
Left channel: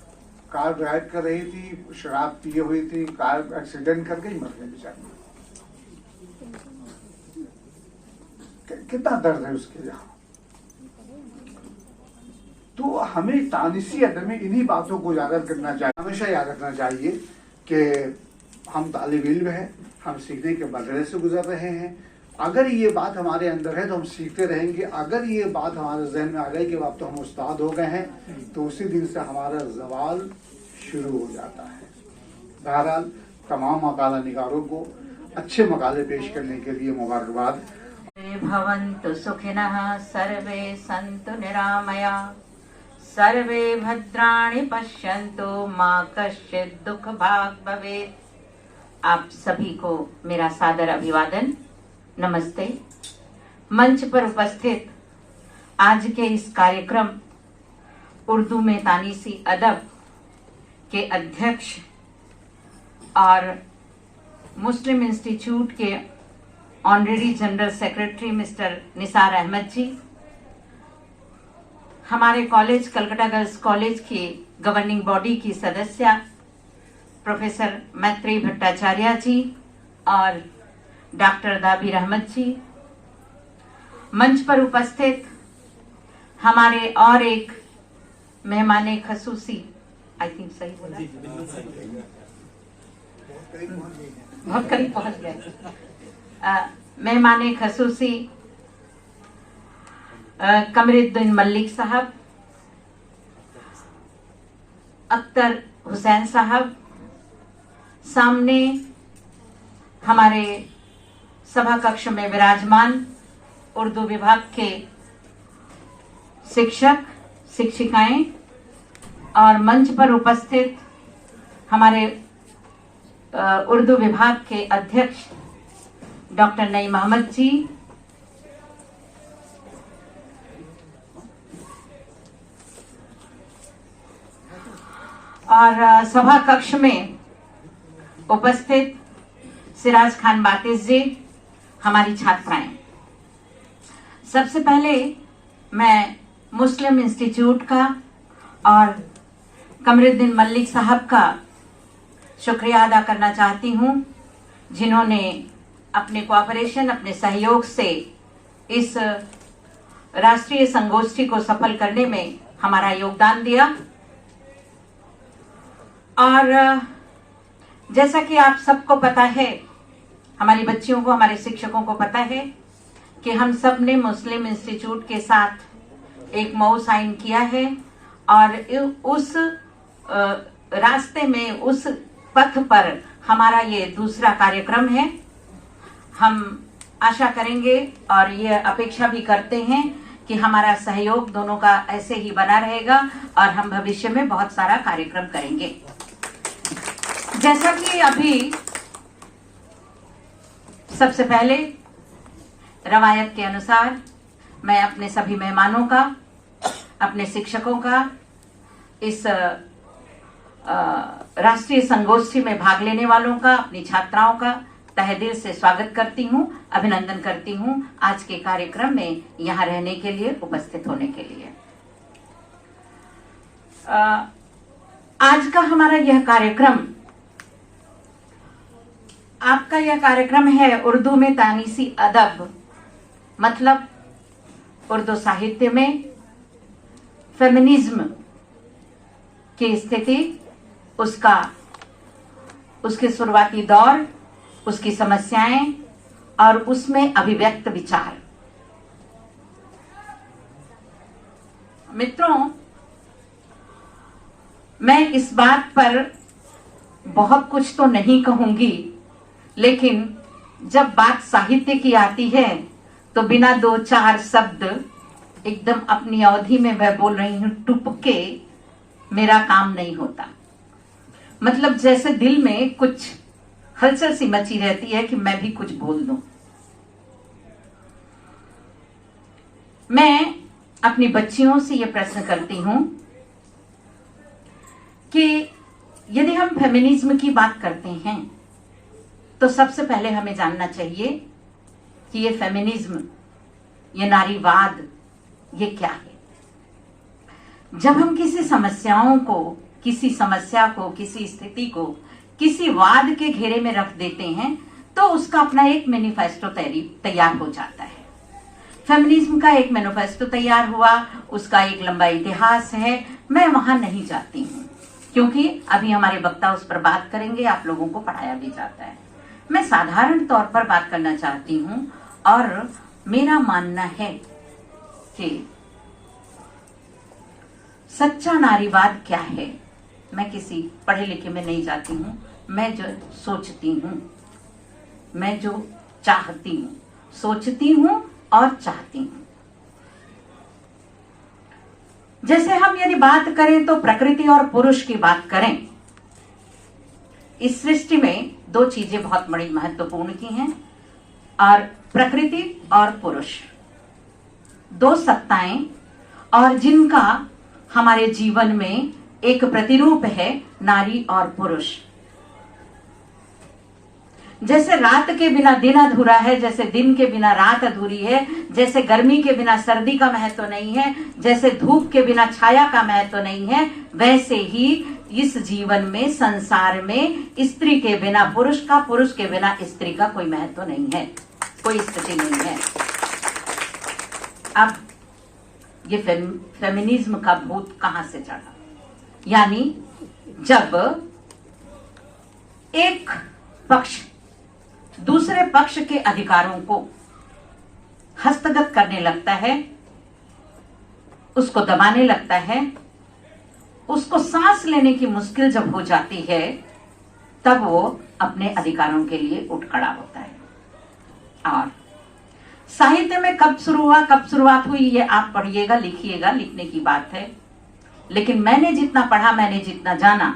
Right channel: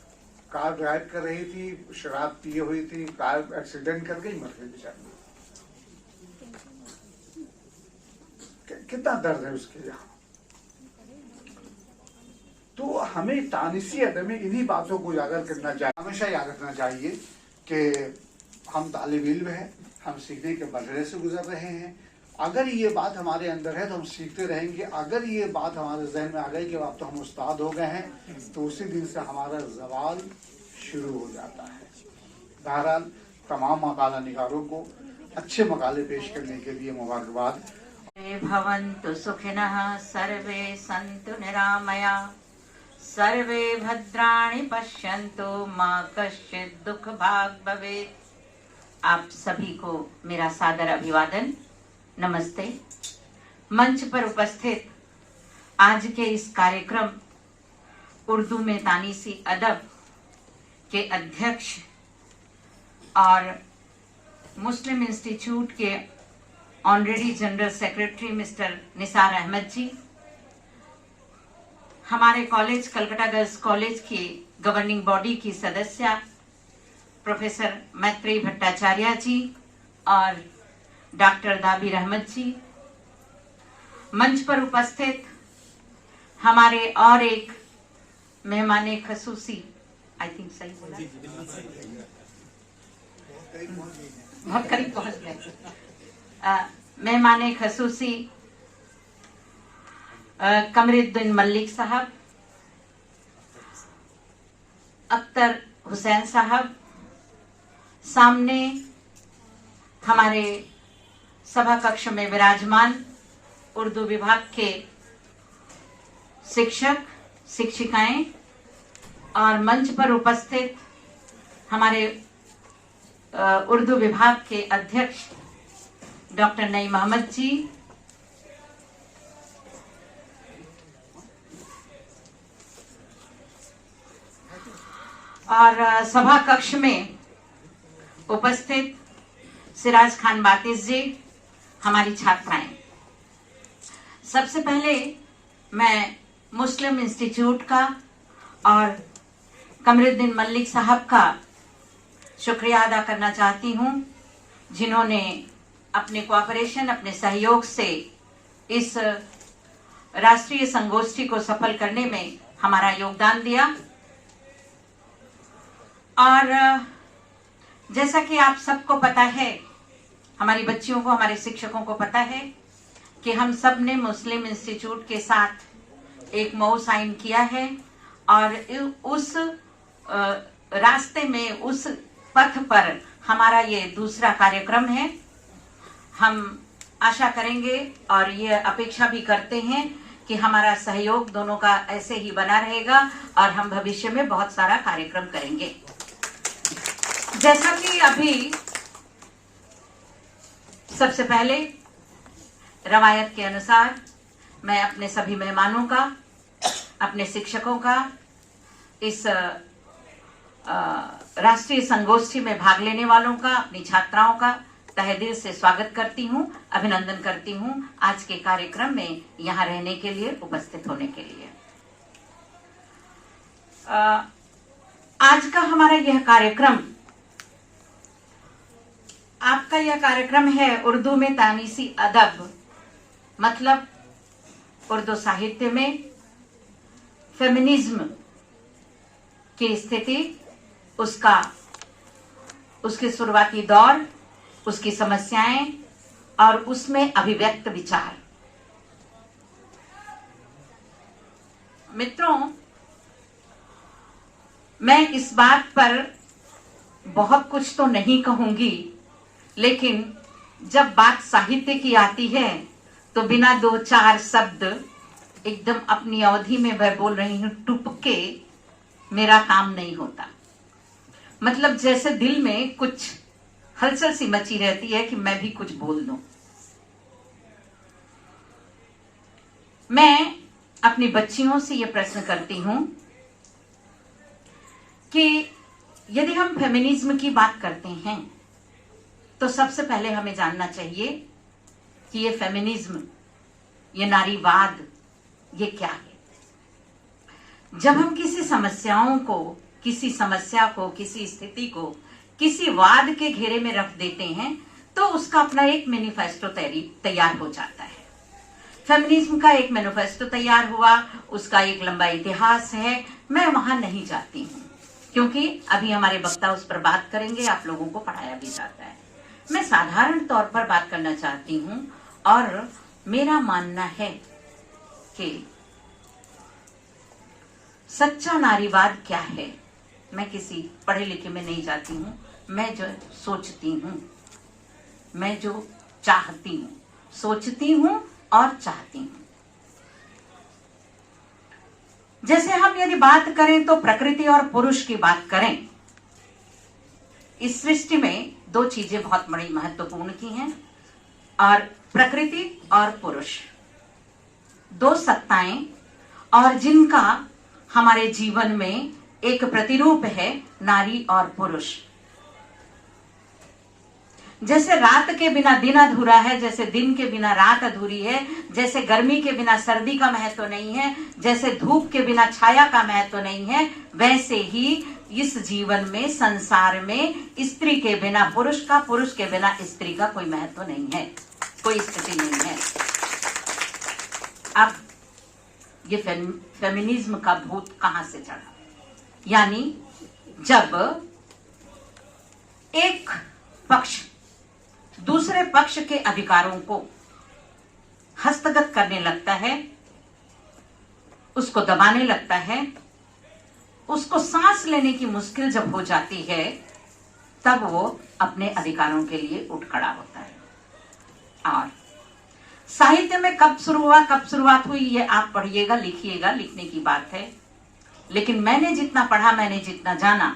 कार ड्राइव कर रही थी, शराब पिए हुई थी, कार एक्सीडेंट कर गई, मर गई बेचारी। कितना दर्द है उसके यहाँ। तो हमें तानिसी अदब में इन्हीं बातों को उजागर करना चाहिए। हमेशा याद रखना चाहिए कि हम तालिब इल्म हैं, हम सीखने के बदले से गुजर रहे हैं। अगर ये बात हमारे अंदर है तो हम सीखते रहेंगे। अगर ये बात हमारे जहन में आ गई कि अब तो हम उस्ताद हो गए हैं, तो उसी दिन से हमारा जवाल शुरू हो जाता है। बहरहाल तमाम मकाला निगारों को अच्छे मकाले पेश करने के लिए मुबारकबाद। भवन्तु सुखिनः सर्वे सन्तु निरामया सर्वे भद्राणि पश्यन्तु मा कश्चित् दुःख भाग् भवेत्। आप सभी को मेरा सादर अभिवादन, नमस्ते। मंच पर उपस्थित आज के इस कार्यक्रम उर्दू में तानीसी अदब के अध्यक्ष और मुस्लिम इंस्टीट्यूट के honorary general secretary mister Nisar Ahmad ji, हमारे कॉलेज कलकत्ता गर्ल्स कॉलेज की गवर्निंग बॉडी की सदस्य प्रोफेसर मैत्रेयी भट्टाचार्य जी और डॉक्टर दाबिर अहमद जी, मंच पर उपस्थित हमारे और एक मेहमान खसूसी, आई थिंक सही बोला, बहुत करीब पहुंच गया, मेहमान खसूसी कमरुद्दीन मलिक साहब, अख्तर हुसैन साहब, सामने हमारे सभा कक्ष में विराजमान उर्दू विभाग के शिक्षक, शिक्षिकाएं और मंच पर उपस्थित हमारे उर्दू विभाग के अध्यक्ष डॉक्टर नईम अहमद जी, और सभा कक्ष में उपस्थित सिराज खान बातिस जी, हमारी छात्राएं। सबसे पहले मैं मुस्लिम इंस्टीट्यूट का और कमरुद्दीन मलिक साहब का शुक्रिया अदा करना चाहती हूं, जिन्होंने अपने कोऑपरेशन, अपने सहयोग से इस राष्ट्रीय संगोष्ठी को सफल करने में हमारा योगदान दिया। और जैसा कि आप सबको पता है, हमारी बच्चियों को, हमारे शिक्षकों को पता है कि हम सब ने मुस्लिम इंस्टीट्यूट के साथ एक मऊ साइन किया है और उस रास्ते में, उस पथ पर हमारा ये दूसरा कार्यक्रम है। हम आशा करेंगे और ये अपेक्षा भी करते हैं कि हमारा सहयोग दोनों का ऐसे ही बना रहेगा और हम भविष्य में बहुत सारा कार्यक्रम करेंगे। जैसा कि अभी सबसे पहले रवायत के अनुसार मैं अपने सभी मेहमानों का, अपने शिक्षकों का, इस राष्ट्रीय संगोष्ठी में भाग लेने वालों का, अपनी छात्राओं का तहे दिल से स्वागत करती हूं, अभिनंदन करती हूं आज के कार्यक्रम में यहां रहने के लिए, उपस्थित होने के लिए। आज का हमारा यह कार्यक्रम, आपका यह कार्यक्रम है उर्दू में तानीसी अदब, मतलब उर्दू साहित्य में फेमिनिज्म की स्थिति, उसके शुरुआती दौर, उसकी समस्याएं और उसमें अभिव्यक्त विचार। मित्रों, मैं इस बात पर बहुत कुछ तो नहीं कहूंगी, लेकिन जब बात साहित्य की आती है तो बिना दो चार शब्द एकदम अपनी अवधि में मैं बोल रही हूं, टुपके मेरा काम नहीं होता। मतलब जैसे दिल में कुछ हलचल सी मची रहती है कि मैं भी कुछ बोल दूं। मैं अपनी बच्चियों से यह प्रश्न करती हूं कि यदि हम फेमिनिज्म की बात करते हैं तो सबसे पहले हमें जानना चाहिए कि ये फेमिनिज्म, ये नारीवाद, ये क्या है। जब हम किसी समस्या को, किसी स्थिति को किसी वाद के घेरे में रख देते हैं तो उसका अपना एक मैनिफेस्टो तैयार हो जाता है। फेमिनिज्म का एक मैनिफेस्टो तैयार हुआ, उसका एक लंबा इतिहास है। मैं वहां नहीं जाती हूं क्योंकि अभी हमारे वक्ता उस पर बात करेंगे, आप लोगों को पढ़ाया भी जाता है। मैं साधारण तौर पर बात करना चाहती हूं और मेरा मानना है कि सच्चा नारीवाद क्या है। मैं किसी पढ़े लिखे में नहीं जाती हूं, मैं जो सोचती हूं, मैं जो चाहती हूं, सोचती हूं और चाहती हूं। जैसे हम यदि बात करें तो प्रकृति और पुरुष की बात करें, इस सृष्टि में दो चीजें बहुत बड़ी महत्वपूर्ण की हैं, और प्रकृति और पुरुष, दो सत्ताएं, और जिनका हमारे जीवन में एक प्रतिरूप है नारी और पुरुष। जैसे रात के बिना दिन अधूरा है, जैसे दिन के बिना रात अधूरी है, जैसे गर्मी के बिना सर्दी का महत्व नहीं है, जैसे धूप के बिना छाया का महत्व नहीं है, वैसे ही इस जीवन में, संसार में स्त्री के बिना पुरुष का, पुरुष के बिना स्त्री का कोई महत्व नहीं है, कोई स्थिति नहीं है। अब ये फेमिनिज्म का भूत कहां से चढ़ा? यानी जब एक पक्ष दूसरे पक्ष के अधिकारों को हस्तगत करने लगता है, उसको दबाने लगता है, उसको सांस लेने की मुश्किल जब हो जाती है, तब वो अपने अधिकारों के लिए उठ खड़ा होता है। और साहित्य में कब शुरू हुआ, कब शुरुआत हुई, ये आप पढ़िएगा, लिखिएगा, लिखने की बात है। लेकिन मैंने जितना पढ़ा, मैंने जितना जाना,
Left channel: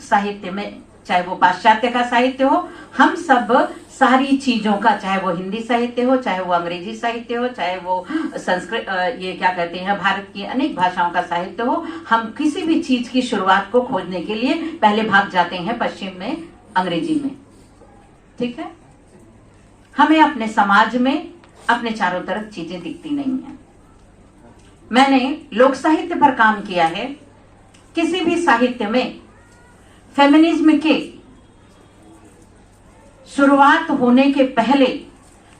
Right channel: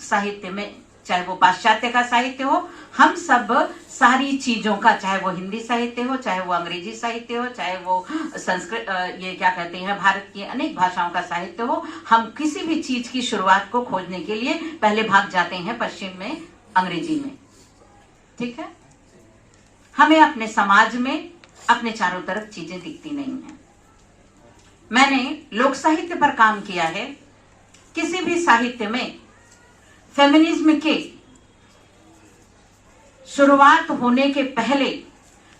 साहित्य में, चाहे वो पाश्चात्य का साहित्य हो, हम सब सारी चीजों का, चाहे वो हिंदी साहित्य हो, चाहे वो अंग्रेजी साहित्य हो, चाहे वो संस्कृत, ये क्या कहते हैं, भारत की अनेक भाषाओं का साहित्य हो, हम किसी भी चीज की शुरुआत को खोजने के लिए पहले भाग जाते हैं पश्चिम में, अंग्रेजी में। ठीक है, हमें अपने समाज में अपने चारों तरफ चीजें दिखती नहीं है। मैंने लोक साहित्य पर काम किया है। किसी भी साहित्य में फेमिनिज्म के शुरुआत होने के पहले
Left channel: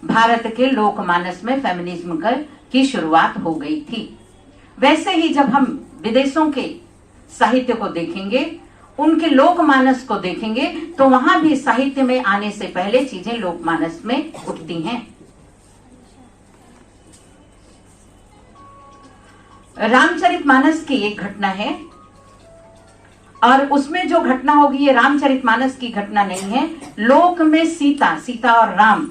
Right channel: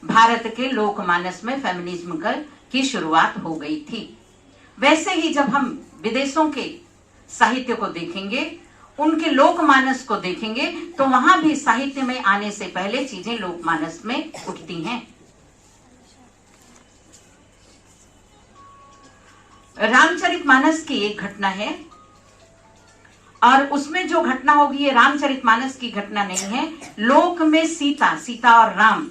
भारत के लोकमानस में फेमिनिज्म की शुरुआत हो गई थी। वैसे ही जब हम विदेशों के साहित्य को देखेंगे, उनके लोकमानस को देखेंगे, तो वहां भी साहित्य में आने से पहले चीजें लोकमानस में उठती हैं। रामचरितमानस की एक घटना है, और उसमें जो घटना होगी, ये रामचरितमानस की घटना नहीं है। लोक में सीता और राम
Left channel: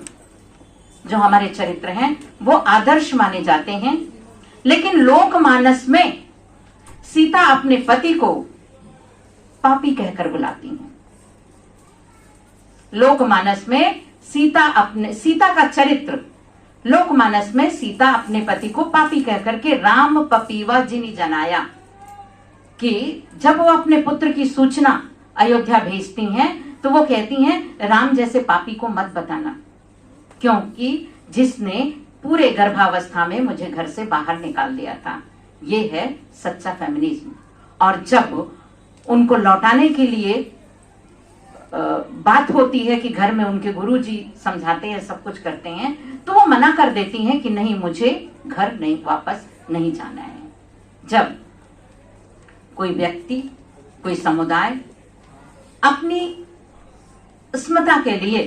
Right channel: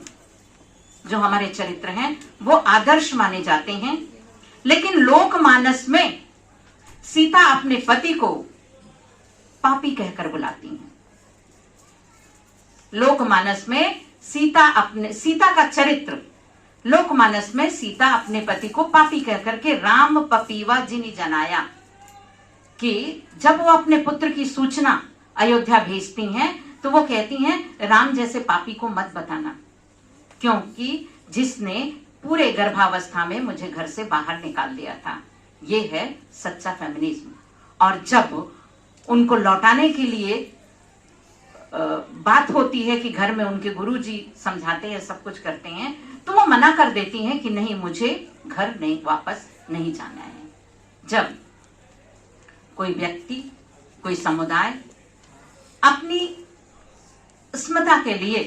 जो हमारे चरित्र हैं, वो आदर्श माने जाते हैं। लेकिन लोकमानस में सीता अपने पति को पापी कहकर बुलाती हैं। लोकमानस में सीता का चरित्र, लोकमानस में सीता अपने पति को पापी कहकर के राम पपीवा जिनि जनाया, कि जब वो अपने पुत्र की सूचना अयोध्या भेजती हैं, तो वो कहती हैं राम जैसे पापी को मत बताना, क्योंकि जिसने पूरे गर्भावस्था में मुझे घर से बाहर निकाल दिया था। ये है सच्चा फेमिनिज्म। और जब उनको लौटाने के लिए बात होती है कि घर में उनके गुरुजी समझाते हैं, सब कुछ करते हैं, तो वो मना कर देती हैं कि नहीं, मुझे घर नहीं, वापस नहीं जाना है। जब कोई व्यक्ति, कोई समुदाय अपनी अस्मिता के लिए,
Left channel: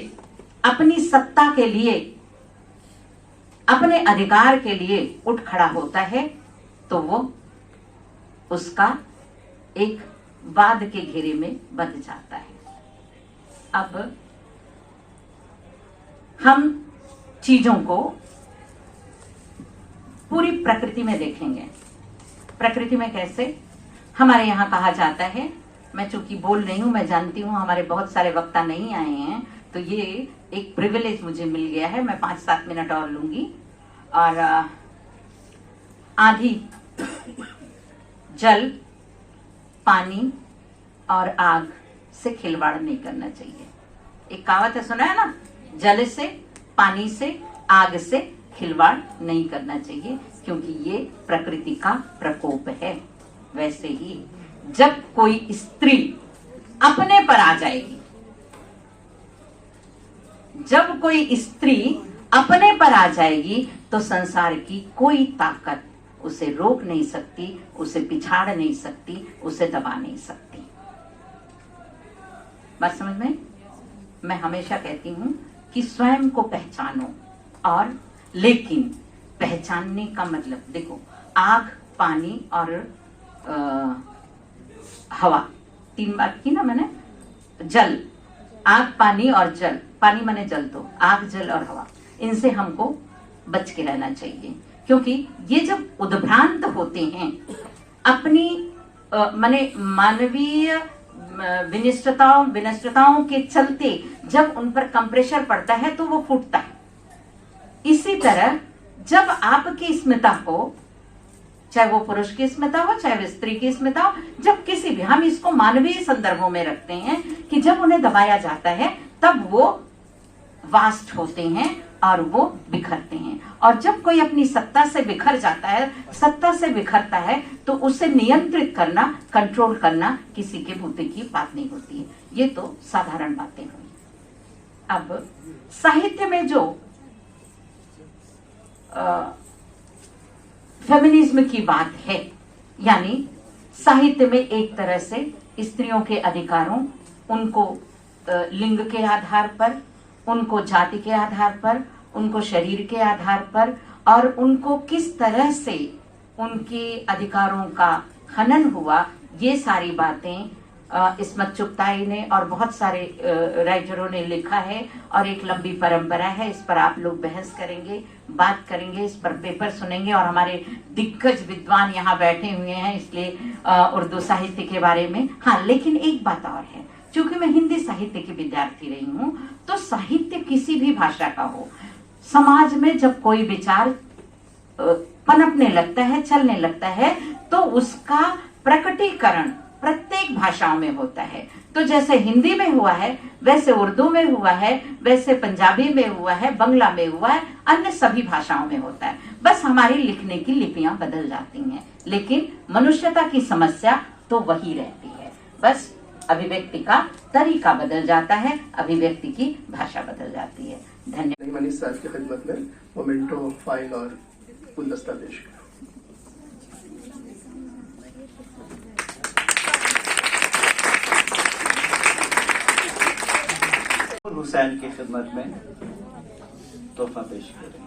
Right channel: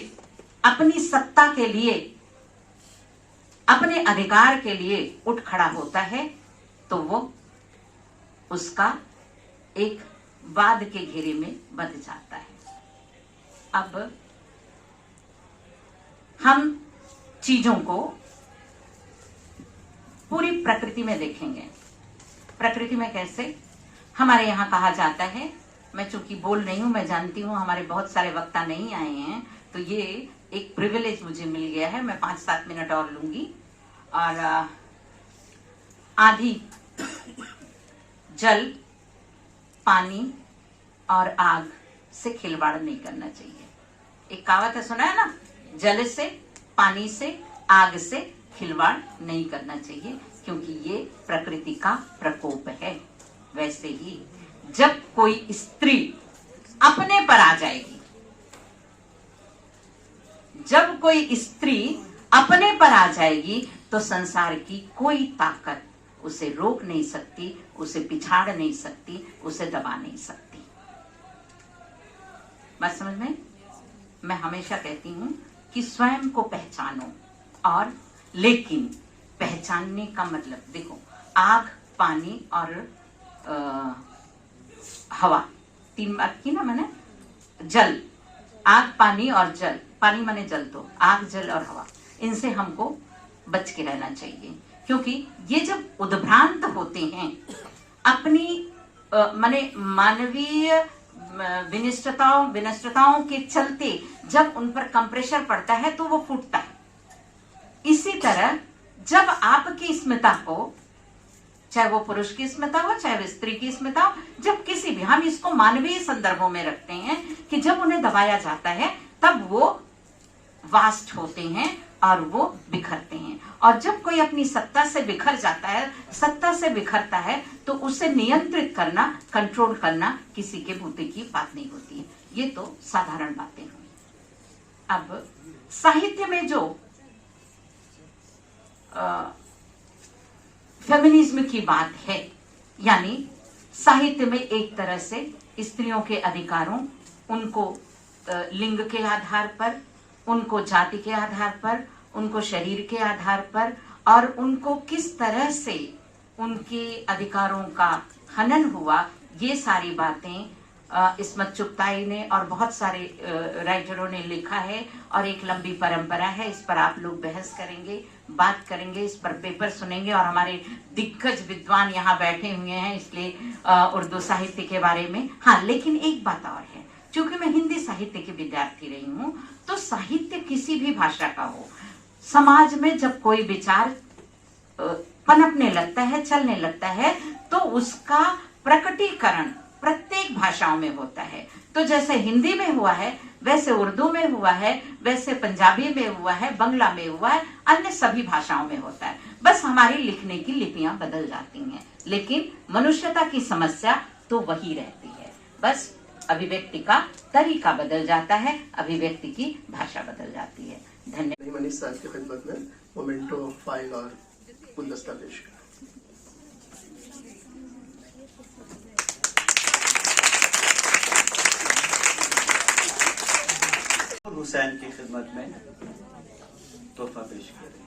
अपनी सत्ता के लिए, अपने अधिकार के लिए उठ खड़ा होता है, तो वो उसका एक वाद के घेरे में बंध जाता है। अब हम चीजों को पूरी प्रकृति में देखेंगे। प्रकृति में कैसे? हमारे यहाँ कहा जाता है, मैं चूंकि बोल रही हूं, मैं जानती हूं हमारे बहुत सारे वक्ता नहीं आए हैं, तो ये एक प्रिविलेज मुझे मिल गया है। मैं 5-7 मिनट और लूंगी। और आंधी, जल, पानी और आग से खिलवाड़ नहीं करना चाहिए। एक कहावत है, सुना है ना, जल से, पानी से, आग से खिलवाड़ नहीं करना चाहिए, क्योंकि ये प्रकृति का प्रकोप है। वैसे ही जब कोई स्त्री अपने पर आ जाएगी, जब कोई स्त्री अपने पर आ जाएगी, तो संसार की कोई ताकत उसे रोक नहीं सकती, उसे पिछाड़ नहीं सकती, उसे दबा नहीं सकती। बात समझ में? मैं हमेशा कहती हूं कि स्वयं को पहचानो। और लेकिन पहचानने का मतलब, देखो, आग, पानी और हवा, 3 बात की ना मैंने। जल, आग, पानी और जल। पानी माने जल, तो आग, जल और हवा, इनसे हमको बच के रहना चाहिए, क्योंकि ये जब उद्भ्रांत होते हैं अपनी माने मानवीय विनिष्टताओं के चलते, जब उन पर कंप्रेशर पड़ता है तो वो फूटता है। इसी तरह जब आपकी स्मिता को, चाहे वो पुरुष की स्मिता हो, चाहे वो स्त्री की स्मिता हो, जब किसी भी, हम इसको मानवीय संदर्भों में रखते हैं कि जब उन्हें दबाया जाता है, तब वो वास्ट होते हैं और वो बिखरते हैं। और जब कोई अपनी सत्ता से बिखर जाता है, सत्ता से बिखरता है, तो उसे नियंत्रित करना, कंट्रोल करना किसी के बूते की बात नहीं होती है। ये तो साधारण बातें हुई। अब साहित्य में जो फेमिनिज्म की बात है, यानी साहित्य में एक तरह से स्त्रियों के अधिकारों, उनको लिंग के आधार पर, उनको जाति के आधार पर, उनको शरीर के आधार पर, और उनको किस तरह से उनके अधिकारों का हनन हुआ, ये सारी बातें इस्मत चुगताई ने और बहुत सारे राइटरों ने लिखा है और एक लंबी परंपरा है। इस पर आप लोग बहस करेंगे, बात करेंगे, इस पर पेपर सुनेंगे और हमारे दिग्गज विद्वान यहाँ बैठे हुए हैं, इसलिए उर्दू साहित्य के बारे में। हाँ, लेकिन एक बात और है, चूंकि मैं हिंदी साहित्य की विद्यार्थी रही हूँ, तो साहित्य किसी भी भाषा का हो, समाज में जब कोई विचार पनपने लगता है, चलने लगता है, तो उसका प्रकटीकरण प्रत्येक भाषाओं में होता है। तो जैसे हिंदी में हुआ है, वैसे उर्दू में हुआ है, वैसे पंजाबी में हुआ है, बंगला में हुआ है, अन्य सभी भाषाओं में होता है। बस हमारी लिखने की लिपियां बदल जाती हैं, लेकिन मनुष्यता की समस्या तो वही रहती है। बस अभिव्यक्ति का तरीका बदल जाता है, अभिव्यक्ति की भाषा बदल जाती है। धन्यवाद। मनीष साहब की खिदमत में मोमेंटो फाइल और गुलदस्ता पेश करें। हुसैन की खिदमत में तोहफा पेश करें।